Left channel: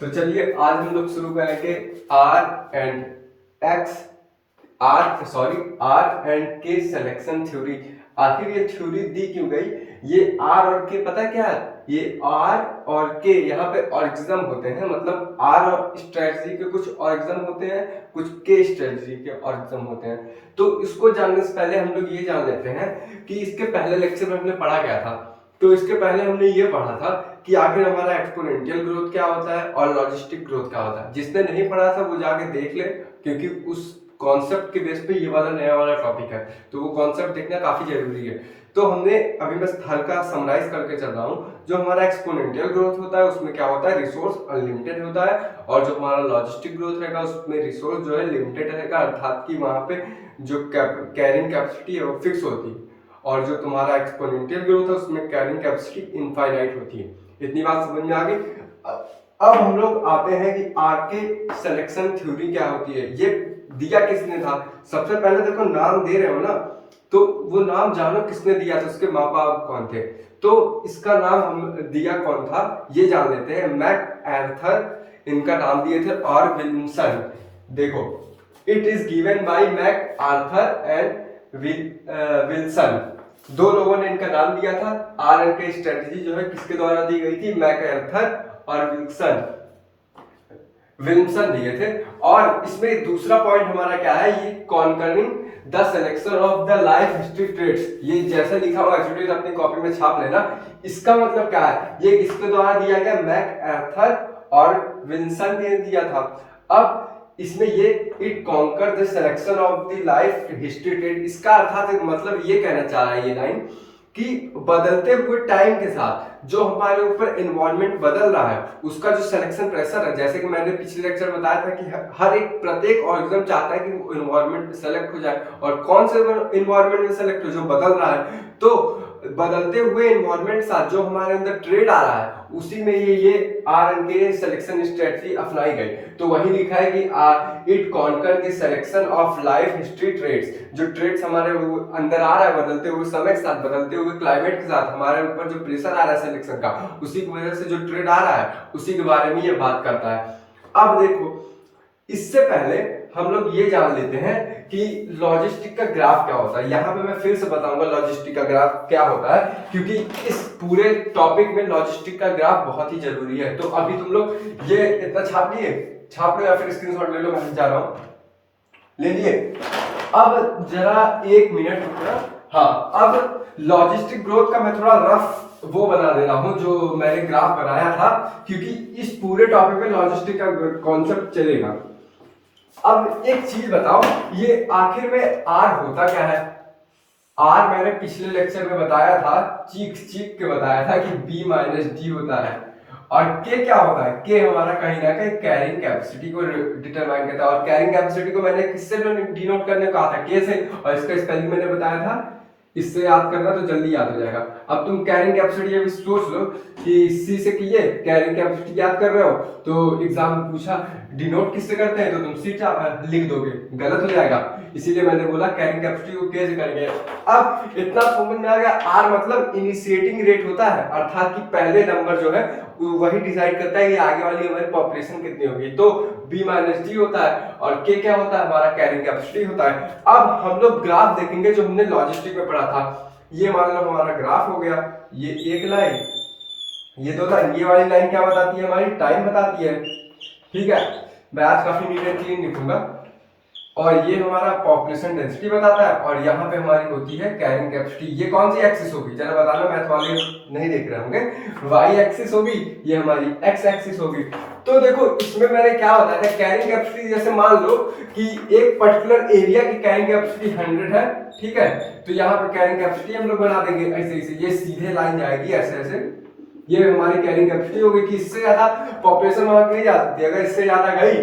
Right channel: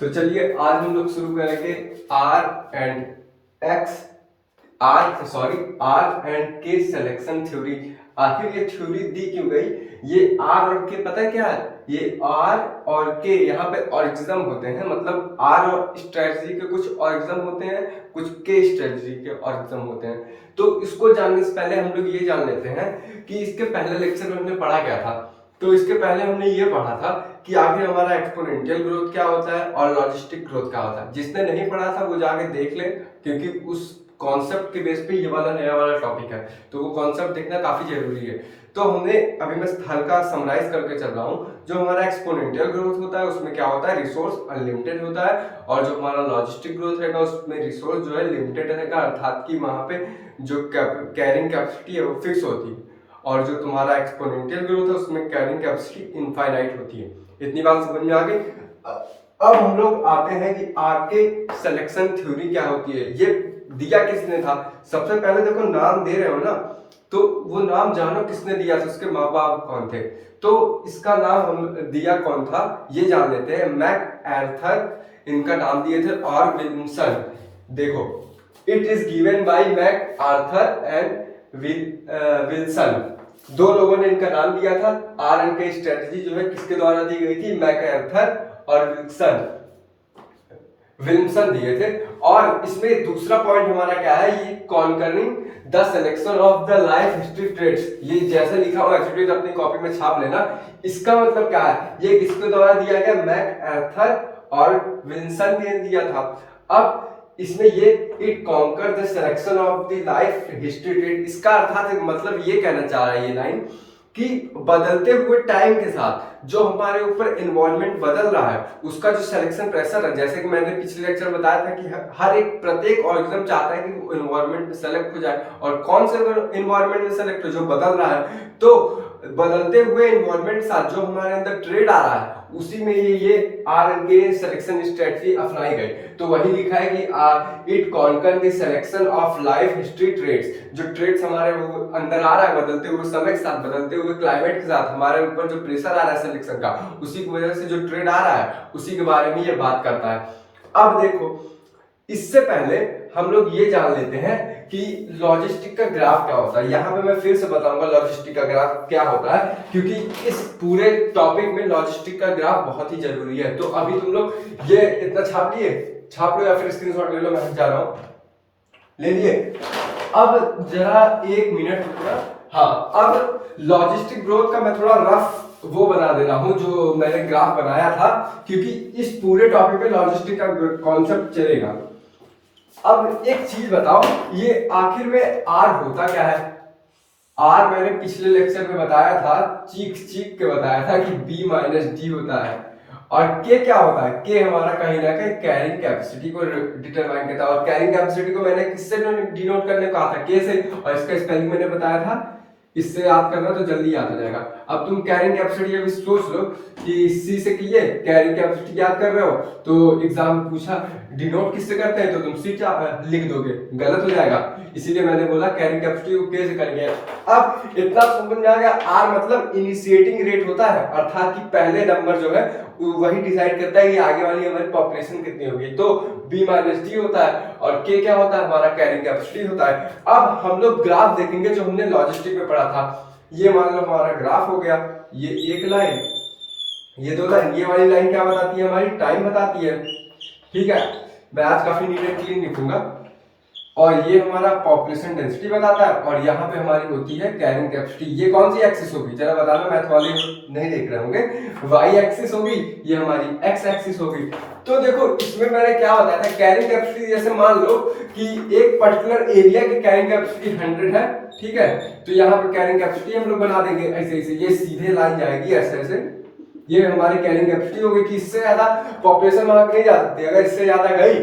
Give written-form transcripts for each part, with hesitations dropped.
तो चलिए आज हम लोग शुरू करेंगे आर एंड के सिलेक्शन थ्योरी। आखिर ये थ्योरी दी क्यों गई? ये आर और के पता है क्या है? ये आर और के यहाँ पे ऑरिजिज्म होते हैं, मतलब आर और स्ट्रेटजी के कुछ ऑरिजिज्म होते हैं, कुछ के स्ट्रेटजी के ऑरिजिज्म होते हैं। तो इसको जानने से पहले हम लोग ये जान लेते हैं कि इसके पहले लेक्चर में हमने पढ़ा क्या था। तो इसके पहले हमने ये पढ़ा था कि आखिर हमारा एक्सपोनेंशियल ग्रोथ क्या होता है और लॉजिस्टिक ग्रोथ क्या होता है। जिसने नहीं पढ़ा था वो जाके देख ले, क्योंकि उस कॉन्सेप्ट के बेस पे ये वाला नया वाला टॉपिक है, तो वो कॉन्सेप्ट देखना काफी जरूरी है। तो हमने अभी मैं हल्का समराइज करके चल रहा हूँ। जो हमारा एक्सपोनेंशियल ग्रोथ होता है उसमें क्या होता है, रिसोर्स अनलिमिटेड होता है, और जो हमारा लॉजिस्टिक ग्रोथ रहेगा उसमें रिसोर्स जो है लिमिटेड रहेगा, अर्थात कि वहां पे जो कैरिंग कैपेसिटी है वो फिक्स होती है, और जो तुम्हारा एक्सपोनेंशियल ग्रोथ है उसमें कैरिंग कैपेसिटी इनफाइनाइट होती है। इतनी बात समझ में आ गई। अब हम लोग आते हैं कि आर के सिलेक्शन थ्योरी क्या होती है। ये दिया किसने था? सबसे पहले देखो नाम दे रहे हो ना, तो वो नाम जानो किसने दिया था, उसके माँ बाप कौन थे। तो इसका नाम हम दिया कौन था ये जान लेते हैं। मैक आर्थर इनका नाम दिए थे, और विल्सन। देखो, it is given by MacArthur and Wilson. दो लोगों ने इनका नाम दिया था। आर एन के स्ट्रेटजी जो है किसके द्वारा दी गई थी? मैकआर्थर और विल्सन दिए थे। और इसमें दूसरा पॉइंट हमारा क्या है, ये conquering the selection of the life history trades. ये जैसे लिखा हुआ है अपनी कॉपी में छाप लेना। इसका मतलब क्या है, ये किसके द्वारा दिया गया? मैकआर्थर और विल्सन ने दिया था। अब इसमें ये it conquer the selection of the life history trade, इसका अर्थात मतलब ये कहना चाह रहा है ये लाइन कि बदलते हुए टाइम के साथ जो हमारे ऊपर एनवायरनमेंट बदल रहा है उसका जो सिलेक्शन प्रेशर है, जैसे कि मैंने पिछले लेक्चर में बताया था कि हर एक प्रत्येक ऑर्गेनिज्म चाहता है कि वो एनवायरनमेंट में सेलेक्ट हो जाए, और कौन से एनवायरनमेंट में सेलेक्ट हो? जो बदल रहा है। तो बदलते हुए एनवायरनमेंट के साथ जो हमारे अंदर ट्रेड आ रहा है उसी में ये R and K selection strategy apply गई। तो वही लिखा है कि it conquer the selection of life history trades. जो ट्रेड्स हमारे वो अंदर आ रहा है बदलते हुए समय के साथ, बदलते हुए क्लाइमेट के साथ, हमारे ऊपर जो प्रेशर आ रहा है सिलेक्शन का, उसी की वजह से जो ट्रेड आ रहा है उसी के बारे में ये बात करता है। अब देखो, इससे पहले हम लोग ये जान लेते हैं कि लॉजिस्टिक का ग्राफ क्या होता है। यहाँ पे मैं फिर से बताऊंगा लॉजिस्टिक का ग्राफ क्या होता है, क्योंकि इस पूरे टॉपिक में लॉजिस्टिक का ग्राफ बहुत ही जरूरी है। तो अभी तुम लोग ये इतना छाप लिए, छाप लो या फिर स्क्रीनशॉट ले लो, मैं जा रहा हूँ, ले लिए। अब जरा एक मिनट रुकना। हाँ, अब लॉजिस्टिक ग्रोथ का मैं थोड़ा रफ वो बना दे रहा हूँ जो मैंने ग्राफ बनाया था, क्योंकि इस पूरे टॉपिक में लॉजिस्टिक का कॉन्सेप्ट चलेगा। अब एक चीज बताओ, ये आखिर में आर होता क्या है? आर मैंने पिछले लेक्चर में बताया था, चीख चीख के बताया था कि बी माइनस डी होता है। और के क्या होता है? के हमारा कहीं ना कहीं कैरिंग कैपेसिटी को डिटरमाइन करता है, और कैरिंग कैपेसिटी को मैंने किससे डिनोट करने को कहा था? के से, और इसका स्पेलिंग मैंने बताया था। इससे याद करना तो जल्दी याद हो जाएगा। अब तुम कैरिंग कैपेसिटी अभी सोच लो कि सी से किए कैरिंग कैपेसिटी याद कर रहे हो, तो एग्जाम में पूछा डिनोट किससे करते हैं, तो तुम सी लिख दोगे, गलत हो जाएगा। इसीलिए मैंने बोला कैरिंग कैपेसिटी को के से करेंगे। अब इतना समझ में आ गया, आर मतलब इनिशिएटिंग रेट होता है, अर्थात कि पहले नंबर जो है वही डिसाइड करता है कि आगे वाली हमारी पॉपुलेशन कितनी होगी। तो बी माइनस डी होता है, और के क्या होता है? हमारा कैरिंग कैपेसिटी होता है। अब हम लोग ग्राफ देखेंगे जो हमने लॉजिस्टिक में पढ़ा था। ये मान लो हमारा ग्राफ हो गया, ये एक लाइन, ये दो लाइन। ये वाली लाइन क्या बताती है? हमारी टाइम बताती है। ठीक है, मैं आज काफी नीट एंड क्लीन लिखूंगा। और ये हमारा पॉपुलेशन डेंसिटी बताता है, और यहाँ पे हमारी होती है कैरिंग कैपेसिटी। ये कौन सी एक्सिस होगी जरा बताना, मैथ वाले नहीं देख रहे होंगे। वाई एक्सिस होगी, ये हमारी एक्स एक्सिस होगी। तो देखो इसमें मैंने क्या बताया था, कैरिंग कैपेसिटी जैसे मान लो कि एक पर्टिकुलर एरिया की कैरिंग कैपेसिटी 100 है, ठीक है, तो यहाँ पे कैरिंग कैपेसिटी हम लोग बना देंगे ऐसे ऐसे, ये सीधे लाइन जाएगी ऐसे ऐसे, ये हमारी कैरिंग कैपेसिटी होगी कि इससे ज्यादा पॉपुलेशन वहां नहीं जा सकती। अगर इससे ज्यादा गई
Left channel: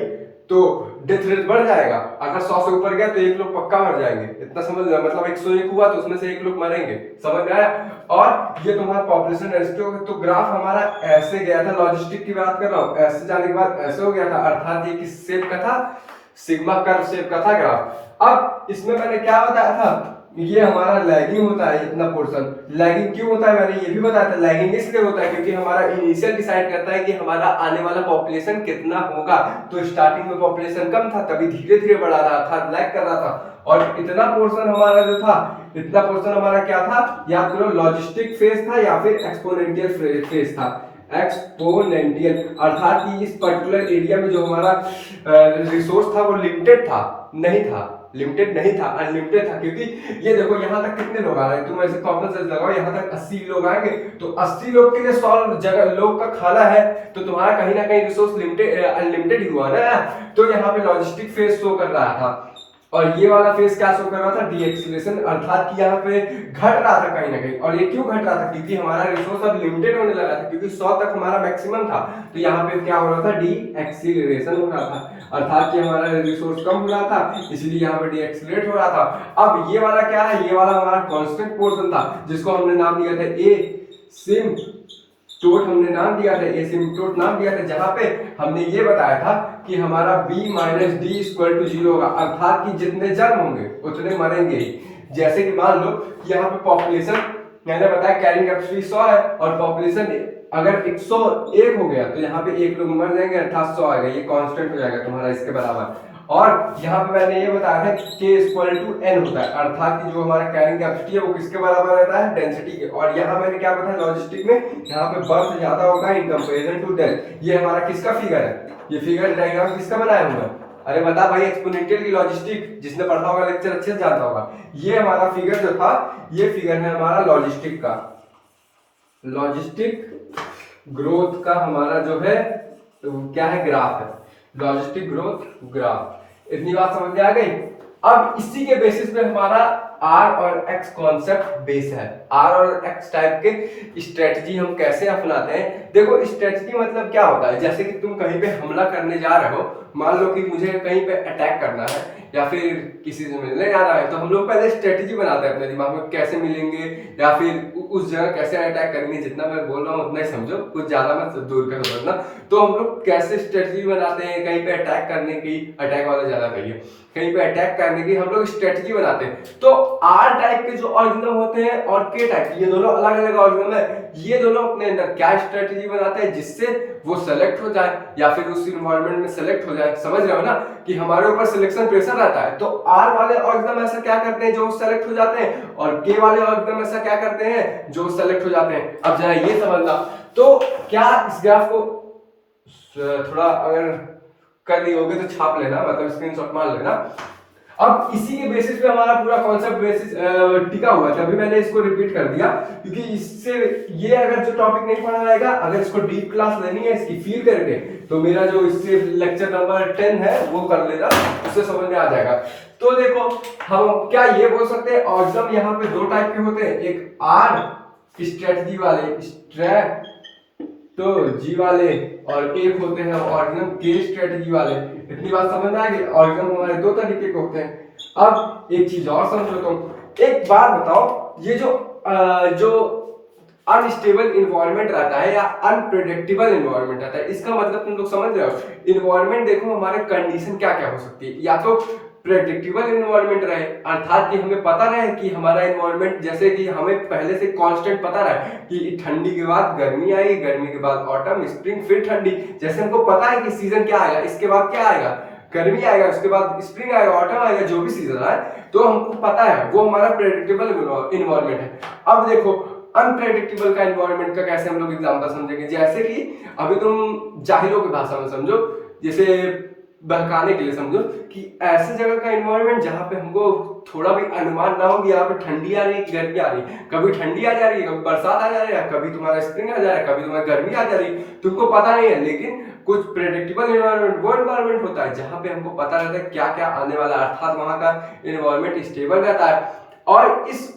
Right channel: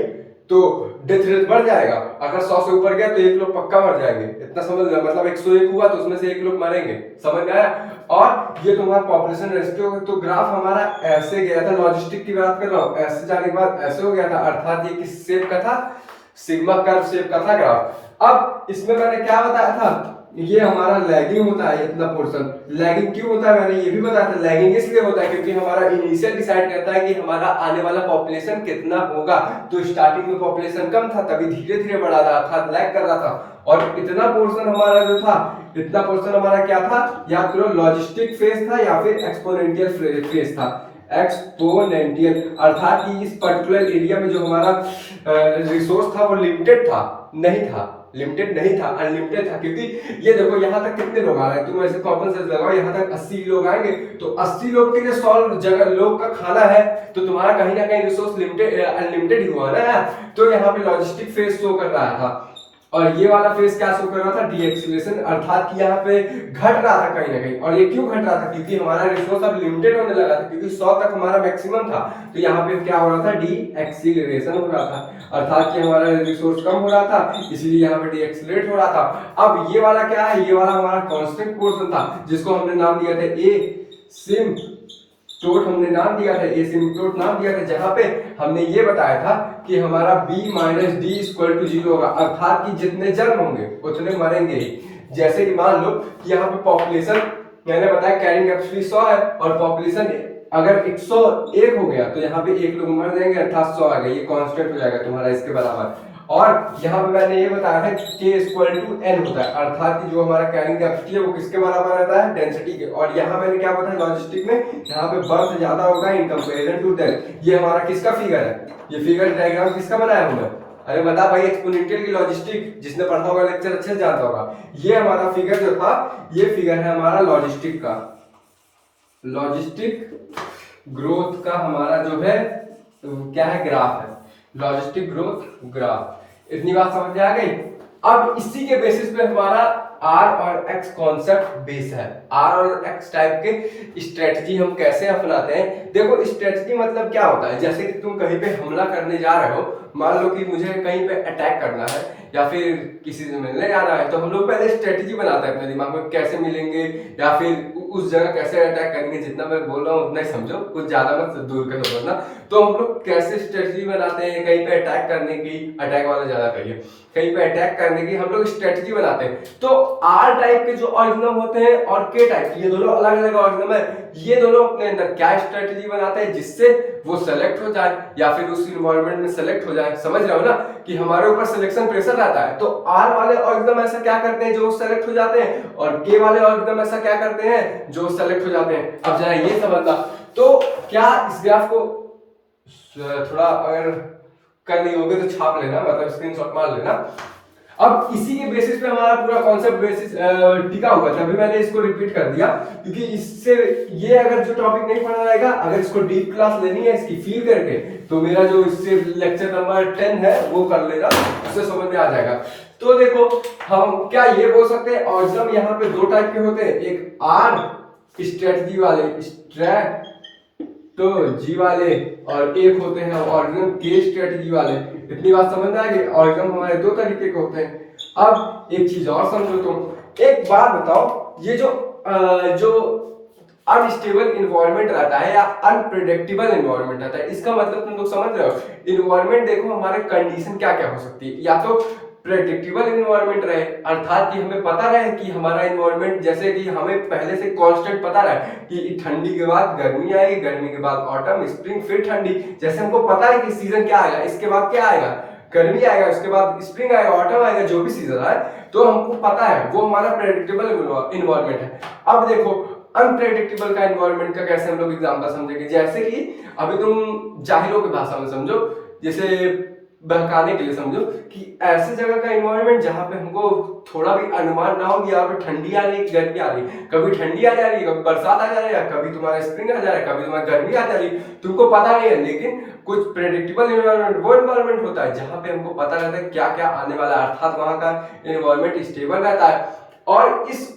तो डेथ रेट बढ़ जाएगा, अगर 100 से ऊपर गया तो एक लोग पक्का मर जाएंगे। इतना समझ लेना, मतलब 101 हुआ तो उसमें से एक लोग मरेंगे, समझ में आया? और ये तुम्हारा पॉपुलेशन रेशियो होगा। तो ग्राफ हमारा ऐसे गया था, लॉजिस्टिक की बात कर रहा हूं, ऐसे जाने के बाद ऐसे हो गया था, अर्थात ये किस शेप का था? सिग्मा कर्व शेप का था ग्राफ। अब इसमें मैंने क्या बताया था ये हमारा लैगिंग होता है इतना पोर्शन। लैगिंग क्यों होता है मैंने ये भी बताया था। लैगिंग इसलिए होता है क्योंकि हमारा इनिशियल डिसाइड करता है कि हमारा आने वाला पॉपुलेशन कितना होगा। तो स्टार्टिंग में पॉपुलेशन कम था, तभी धीरे धीरे बढ़ा रहा था, लैग कर रहा था। और इतना पोर्शन हमारा जो था, इतना पोर्शन हमारा क्या था, याद करो, लॉजिस्टिक फेज था या फिर एक्सपोनेंशियल फेज था। एक्सपोनेंशियल अर्थात कि इस पर्टिकुलर एरिया में जो हमारा रिसोर्स था वो लिमिटेड था, नहीं था, लिमिटेड नहीं था, अनलिमिटेड था। क्योंकि ये देखो यहाँ तक कितने लोग आ रहे हैं, तुम ऐसे कॉमन सेंस लगाओ, यहाँ तक 80 लोग आएंगे, तो 80 लोग के लिए 100 जगह लोग का खाना है, तो तुम्हारा कहीं ना कहीं रिसोर्स लिमिटेड अनलिमिटेड ही हुआ ना। तो यहाँ पे लॉजिस्टिक फेज शो कर रहा था, और ये वाला फेज क्या शो कर रहा था, डी एक्सीलरेशन, अर्थात कि यहाँ पे घट रहा था कहीं ना कहीं। और ये क्यों घट रहा था, क्योंकि हमारा रिसोर्स अब लिमिटेड होने लगा था, क्योंकि 100 तक हमारा मैक्सिमम था। तो यहाँ पे क्या हो रहा था, डी एक्सीलरेशन हो रहा था, अर्थात कि हमारा रिसोर्स कम हो रहा था, इसीलिए यहाँ पे डी एक्सीलरेट हो रहा था। अब ये वाला क्या है, ये वाला हमारा कांस्टेंट पोर्शन था, जिसको हमने नाम दिया था ए सिम टोट, हमने नाम दिया था एसिम्पटोट नाम दिया था, जहां पे हमने ये बताया था कि हमारा b minus D equal to 0 होगा, अर्थात कि जितने जन्म होंगे उतने मरेंगे ही। जैसे कि मान लो कि यहाँ पे पॉपुलेशन मैंने बताया कैरिंग कैपेसिटी 100 है, और पॉपुलेशन अगर 101 हो गया तो यहाँ पे 1 लोग मर जाएंगे, अर्थात 100 आ गया, ये कांस्टेंट हो जाएगा तुम्हारा इसके बराबर। और यहाँ पे मैंने ये बताया है k इक्वल टू n होता है, अर्थात कि जो हमारा कैरिंग कैपेसिटी है वो किसके बराबर रहता है, डेंसिटी के। और यहाँ मैंने क्या बताया लॉजिस्टिक में, यहाँ पे बर्थ ज्यादा होगा इन कंपैरिजन टू डेथ। ये हमारा किसका फिगर है, ये फिगर डायग्राम किसका बनाया हमने, अरे बता भाई, एक्सपोनेंशियल की लॉजिस्टिक, जिसने पढ़ा होगा लेक्चर अच्छे से जानता होगा। ये हमारा फिगर जो था, ये फिगर है हमारा लॉजिस्टिक का, लॉजिस्टिक ग्रोथ का हमारा जो है क्या है, ग्राफ है, लॉजिस्टिक ग्रोथ ग्राफ। इतनी बात समझ में आ गई। अब इसी के बेसिस पे हमारा आर और एक्स कॉन्सेप्ट बेस है। आर और एक्स टाइप के स्ट्रेटजी हम कैसे अपनाते हैं, देखो स्ट्रेटजी मतलब क्या होता है, जैसे कि तुम कहीं पे हमला करने जा रहे हो, मान लो कि मुझे कहीं पे अटैक करना है या फिर किसी से मिलने जाना है, तो हम लोग पहले स्ट्रेटजी बनाते हैं अपने दिमाग में, कैसे मिलेंगे या फिर उस जगह कैसे अटैक करेंगे। जितना मैं बोल रहा हूँ उतना ही समझो, कुछ ज्यादा मत दूर का समझना। तो हम लोग कैसे स्ट्रेटजी बनाते हैं कहीं पे अटैक करने की, अटैक वाला ज्यादा कहिए, कहीं पे अटैक करने की हम लोग स्ट्रेटजी बनाते हैं। तो आर टाइप के जो ऑर्गेनिज्म होते हैं और के टाइप, ये दोनों अलग अलग ऑर्गेनिज्म है, ये दोनों अपने अंदर क्या स्ट्रेटजी बनाते हैं जिससे वो सेलेक्ट हो जाए या फिर उस इन्वायरमेंट में सेलेक्ट हो जाए। समझ रहे हो ना कि हमारे ऊपर सिलेक्शन प्रेशर रहता है। तो आर वाले ऑर्गेनिज्म ऐसा क्या करते हैं जो सेलेक्ट हो जाते हैं, और के वाले ऑर्गेनिज्म ऐसा क्या करते हैं जो सेलेक्ट हो जाते हैं। अब जरा ये समझना, तो क्या इस ग्राफ को थोड़ा अगर कर लिए होगे तो छाप लेना, मतलब स्क्रीनशॉट मार लेना। अब इसी के बेसिस पे हमारा पूरा कॉन्सेप्ट बेसिस टिका हुआ था, अभी मैंने इसको रिपीट कर दिया क्योंकि इससे ये अगर जो टॉपिक नहीं पढ़ा रहेगा, अगर इसको डीप क्लास लेनी है इसकी फील करके, तो मेरा जो इससे लेक्चर नंबर 10 है वो कर लेगा, उससे समझ में आ जाएगा। तो देखो हम क्या ये बोल सकते हैं, ऑर्गेनिज्म यहाँ पे दो टाइप के होते हैं, एक आर स्ट्रेटजी वाले, स्ट्रेटजी वाले, और एक होते हैं ऑर्गेनिज्म के स्ट्रेटजी वाले। इतनी बात समझ में आ गई। ऑर्गेनिज्म हमारे दो तरीके के होते हैं। अब एक चीज और समझो तुम, एक बात बताओ, ये जो अनस्टेबल इन्वायरमेंट रहता है या अनप्रेडिक्टेबल इन्वायरमेंट रहता है, इसका मतलब तुम लोग समझ रहे हो। इन्वायरमेंट देखो हमारे कंडीशन क्या क्या हो सकती है, या तो प्रेडिक्टेबल इन्वायरमेंट रहे, अर्थात कि हमें पता रहे कि हमारा इन्वायरमेंट, जैसे कि हमें पहले से कांस्टेंट पता रहे कि ठंडी के बाद गर्मी आएगी, गर्मी के बाद ऑटम, स्प्रिंग, फिर ठंडी। जैसे हमको पता है कि सीजन क्या आएगा, इसके बाद क्या आएगा, गर्मी आएगा, उसके बाद स्प्रिंग आएगा, ऑटम आएगा, जो भी सीजन आए, तो हमको पता है, वो हमारा प्रेडिक्टेबल इन्वायरमेंट है। अब देखो अनप्रेडिक्टेबल का इन्वायरमेंट का कैसे हम लोग एग्जांपल समझेंगे, जैसे कि अभी तुम जाहिलों की भाषा में समझो, जैसे बहकाने के लिए समझो कि ऐसे जगह का इन्वायरमेंट जहां पे हमको थोड़ा भी अनुमान ना हो कि यहाँ पे ठंडी आ रही है, गर्मी आ रही है, कभी ठंडी आ जा रही है, कभी बरसात आ जा रही है, कभी तुम्हारा स्प्रिंग आ जा रहा है, कभी तुम्हारा गर्मी आ जा रही है, तुमको पता नहीं है। लेकिन कुछ प्रेडिक्टेबल इन्वायरमेंट वो इन्वायरमेंट होता है जहां पे हमको पता रहता है क्या क्या आने वाला है, अर्थात वहां का इन्वायरमेंट स्टेबल रहता है। और इस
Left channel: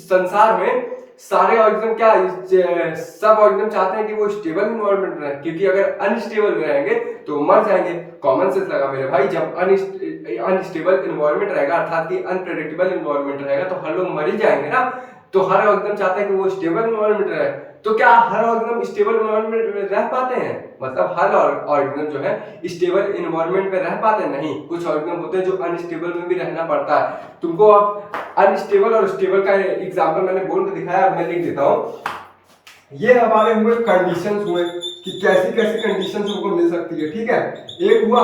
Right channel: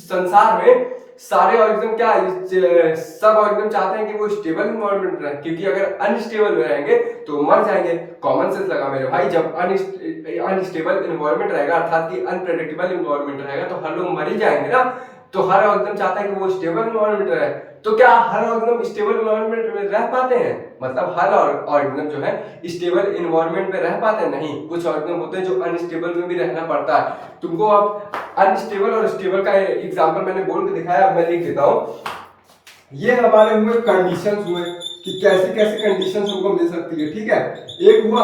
संसार में सारे ऑर्गेनिज्म क्या, सब ऑर्गेनिज्म चाहते हैं कि वो स्टेबल इन्वायरमेंट रहे, क्योंकि अगर अनस्टेबल में रहेंगे तो मर जाएंगे। कॉमन सेंस लगा मेरे भाई, जब अनस्टेबल इन्वायरमेंट रहेगा, अर्थात कि अनप्रेडिक्टेबल इन्वायरमेंट रहेगा, तो हर लोग मर ही जाएंगे ना। तो हर ऑर्गेनिज्म चाहता है कि वो स्टेबल इन्वायरमेंट रहे। तो क्या हर ऑर्गेनिज्म स्टेबल इन्वायरमेंट में रह पाते हैं, मतलब हर ऑर्गेनिज्म जो है स्टेबल इन्वायरमेंट में रह पाते हैं? नहीं, कुछ ऑर्गेनिज्म होते हैं जो अनस्टेबल में भी रहना पड़ता है। तुमको अब अनस्टेबल और स्टेबल का एग्जांपल मैंने बोल के दिखाया, अब मैं लिख देता हूँ। ये हमारे हुए कंडीशंस हुए कि कैसी कैसी कंडीशंस हमको मिल सकती है, ठीक है। एक हुआ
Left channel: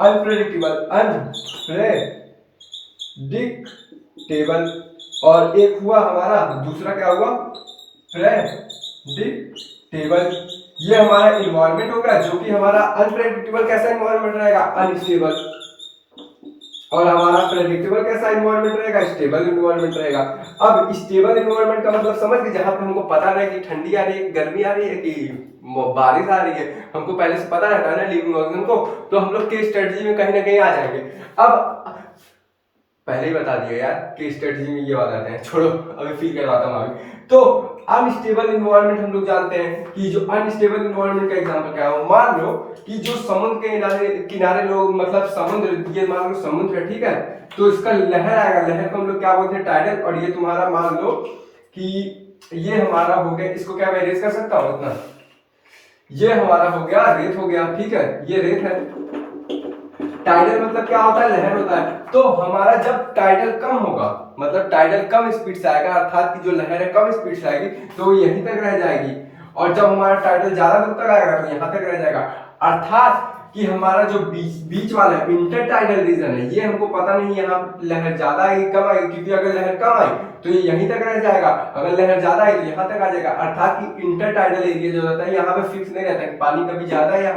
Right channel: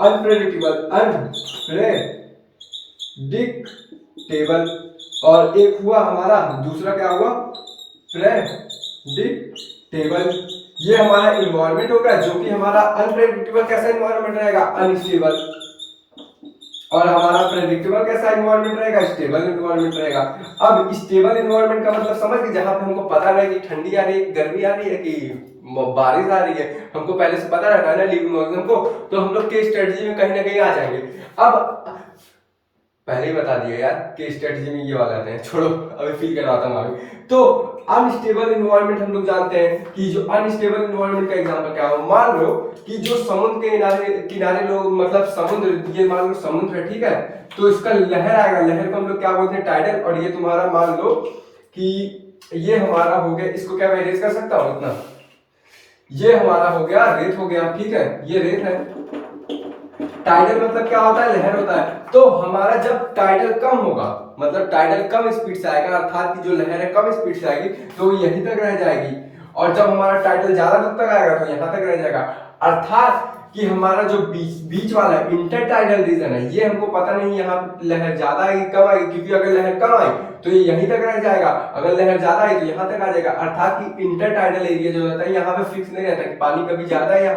अनप्रेडिक्टेबल, अनप्रेडिक्टेबल, और एक हुआ हमारा दूसरा क्या हुआ, प्रेडिक्टेबल। ये हमारा इन्वायरमेंट हो गया, जो कि हमारा अनप्रेडिक्टेबल कैसा इन्वायरमेंट रहेगा, अनस्टेबल, और हमारा प्रेडिक्टेबल कैसा इन्वायरमेंट रहेगा, स्टेबल इन्वायरमेंट रहेगा। अब स्टेबल इन्वायरमेंट का मतलब समझ के, जहां पे हमको पता रहे कि ठंडी आ रही है, गर्मी आ रही है, कि बारिश आ रही है, हमको पहले से पता रहता है ना लिविंग ऑर्गेनिज्म को, तो हम लोग के स्ट्रेटजी में कहीं ना कहीं आ जाएंगे। अब पहले ही बता दिया यार कि स्ट्रेटजी में ये वाला आते हैं, छोड़ो अभी फील करवाता हूँ आगे। तो अनस्टेबल इन्वायरमेंट हम लोग जानते हैं कि जो अनस्टेबल इन्वायरमेंट का एग्जांपल क्या हो, मान लो कि जो समुद्र के किनारे लोग, मतलब समुद्र, ये मान लो समुद्र है, ठीक है, तो इसका लहर आएगा, लहर को हम लोग क्या बोलते हैं, टाइडल। और ये तुम्हारा मान लो कि ये हमारा हो गया, इसको क्या मैं इरेज कर सकता हूँ इतना, ये हमारा हो गया रेत हो गया, ठीक है, ये रेत है। टाइडल मतलब क्या होता है, लहर होता है। तो हमारा जब टाइडल कम होगा, मतलब टाइडल कम स्पीड से आएगा, अर्थात की जो लहर है कम स्पीड से आएगी, तो यहीं तक रह जाएगी। और जब हमारा टाइडल ज्यादा दूर तक आएगा तो यहाँ तक रह जाएगा। अर्थात कि हमारा जो बीच वाला है, इंटर टाइडल रीजन है, ये हमको पता नहीं यहाँ लहर ज्यादा आएगी कम आएगी, क्योंकि अगर लहर कम आई तो ये यहीं तक रह जाएगा, अगर लहर ज्यादा आई तो यहाँ तक आ जाएगा। अर्थात कि इंटर टाइडल एरिया जो रहता है, यहाँ पे फिक्स नहीं रहता कि पानी कभी ज्यादा है या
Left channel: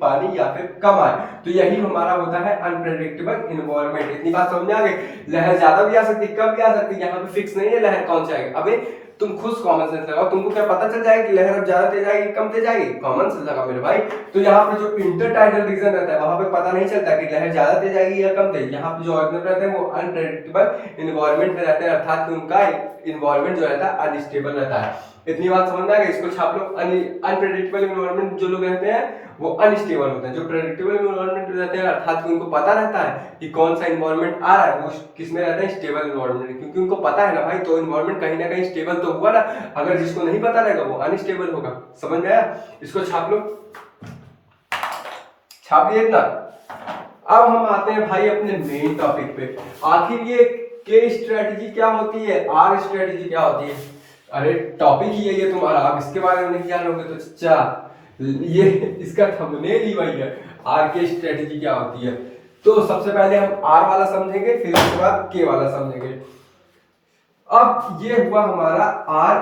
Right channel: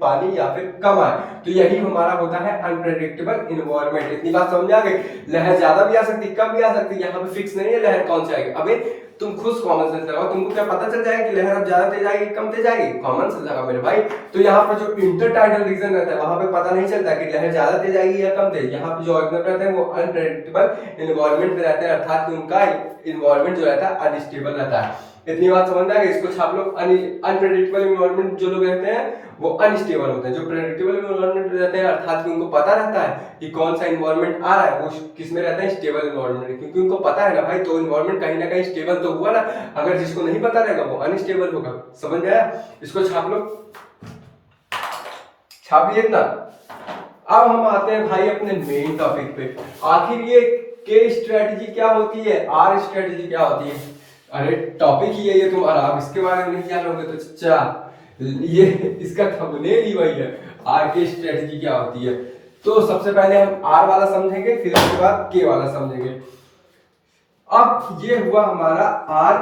पानी या फिर कम आए, तो यही हमारा होता है अनप्रेडिक्टेबल इन्वायरमेंट। इतनी बात समझ आ गई, लहर ज्यादा भी आ सकती है, कम भी आ सकती है, यहाँ पे फिक्स नहीं है लहर कौन सी आएगी। अबे तुम खुद कॉमन सेंस लगाओ, तुमको क्या पता चल जाएगा कि लहर अब ज्यादा तेज आएगी कम तेज आएगी, कॉमन सेंस लगा मेरे भाई। तो यहाँ पर जो इंटरटाइडल रीजन रहता है, वहां पे पता नहीं चलता कि लहर ज्यादा तेज आएगी या कम तेज। यहाँ पे जो ऑर्गेनिज्म रहते हैं वो अनप्रेडिक्टेबल इन्वायरमेंट में रहते हैं, अर्थात कि उनका इन्वायरमेंट जो रहता है अनस्टेबल रहता है। इतनी बात समझ में आ गई, इसको छाप लो। अनप्रेडिक्टेबल इन्वायरमेंट जो लोग रहते हैं वो अनस्टेबल होते हैं, जो प्रेडिक्टेबल इन्वायरमेंट रहते हैं, अर्थात कि उनको पता रहता है कि कौन सा इन्वायरमेंट आ रहा है, वो किस में रहता है, स्टेबल इन्वायरमेंट, क्योंकि उनको पता है ना भाई, तो इन्वायरमेंट कहीं ना कहीं स्टेबल तो हुआ ना। अगर जिसको नहीं पता रहेगा वो अनस्टेबल होगा, समझ में आया। इसको छाप लो, छाप लिया ना। अब हम आते हैं भाई अपने मेन टॉपिक पे, आखिर ये के स्ट्रेटजी क्या होती है, आर स्ट्रेटजी क्या होती है। अरे टॉपिक ही है ये तुम्हारा, आप इसके बारे में नहीं जानोगे तो अच्छा, ये इसका थंबनेल ही वही है, आर के स्ट्रेटजी क्या होती है। तो सबसे पहले हम आर वाला समझेंगे, फिर उसके बाद के वाला समझेंगे। अब ये हुआ हमारा आर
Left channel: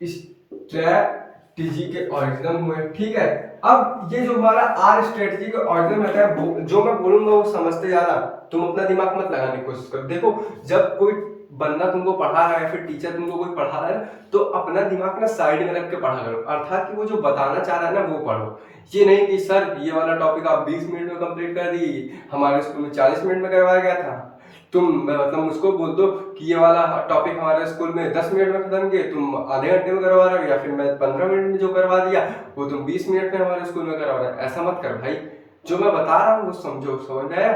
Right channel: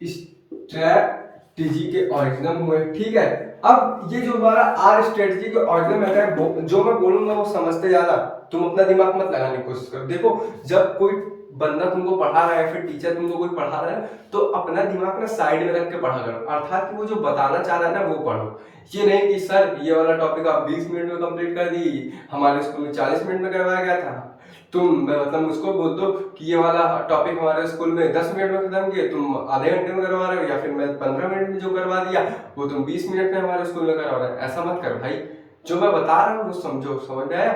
स्ट्रेटजी के ऑरिजिनम हुए, ठीक है। अब ये जो हमारा आर स्ट्रेटजी के ऑरिजिनम है, जो मैं बोलूंगा वो समझते जाना, तुम अपना दिमाग मत लगाने की कोशिश करो। देखो जब कोई बंदा तुमको पढ़ा रहा है, फिर टीचर तुमको कोई पढ़ा रहा है, तो अपना दिमाग ना साइड में रख के पढ़ा करो, अर्थात कि वो जो बताना चाह रहा है ना वो पढ़ो। ये नहीं कि सर ये वाला टॉपिक आप 20 मिनट में कंप्लीट कर दी, हमारे स्कूल में 40 मिनट में करवाया गया था, तुम मतलब मुझको बोल दो कि ये वाला टॉपिक हमारे स्कूल में 10 मिनट में खत्म किए, तुम आधे घंटे में करवा रहे हो, या फिर मैं 15 मिनट में जो करवा दिया वो तुम 20 मिनट में हमारे स्कूल में करवा रहे हो। ऐसा मत कर भाई, जो मैं बता रहा हूँ वो समझो, समझ आया।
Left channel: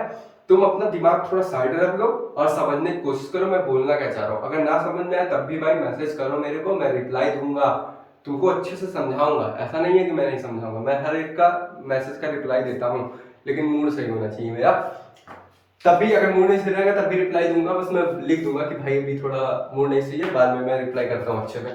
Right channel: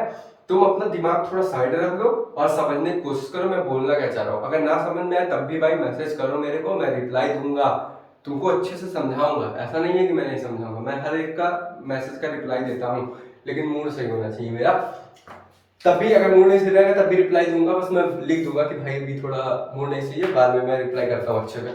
तुम अपना दिमाग थोड़ा साइड रख लो और समझने की कोशिश करो मैं बोलना क्या चाह रहा हूँ। अगर ना समझ में आए तब भी भाई मैसेज करो मेरे को, मैं रिप्लाई दूंगा, तुमको अच्छे से समझाऊंगा। ऐसा नहीं है कि मैं नहीं समझाऊंगा, मैं हर एक का मैसेज का रिप्लाई देता हूँ, लेकिन मूड सही होना चाहिए मेरा। तब भी अगर मूड नहीं सही रहेगा तब भी रिप्लाई दूंगा, बस मैं लिख दूंगा कि भाई अभी थोड़ा मूड नहीं सही है, बाद में मैं रिप्लाई करता हूँ अच्छे से।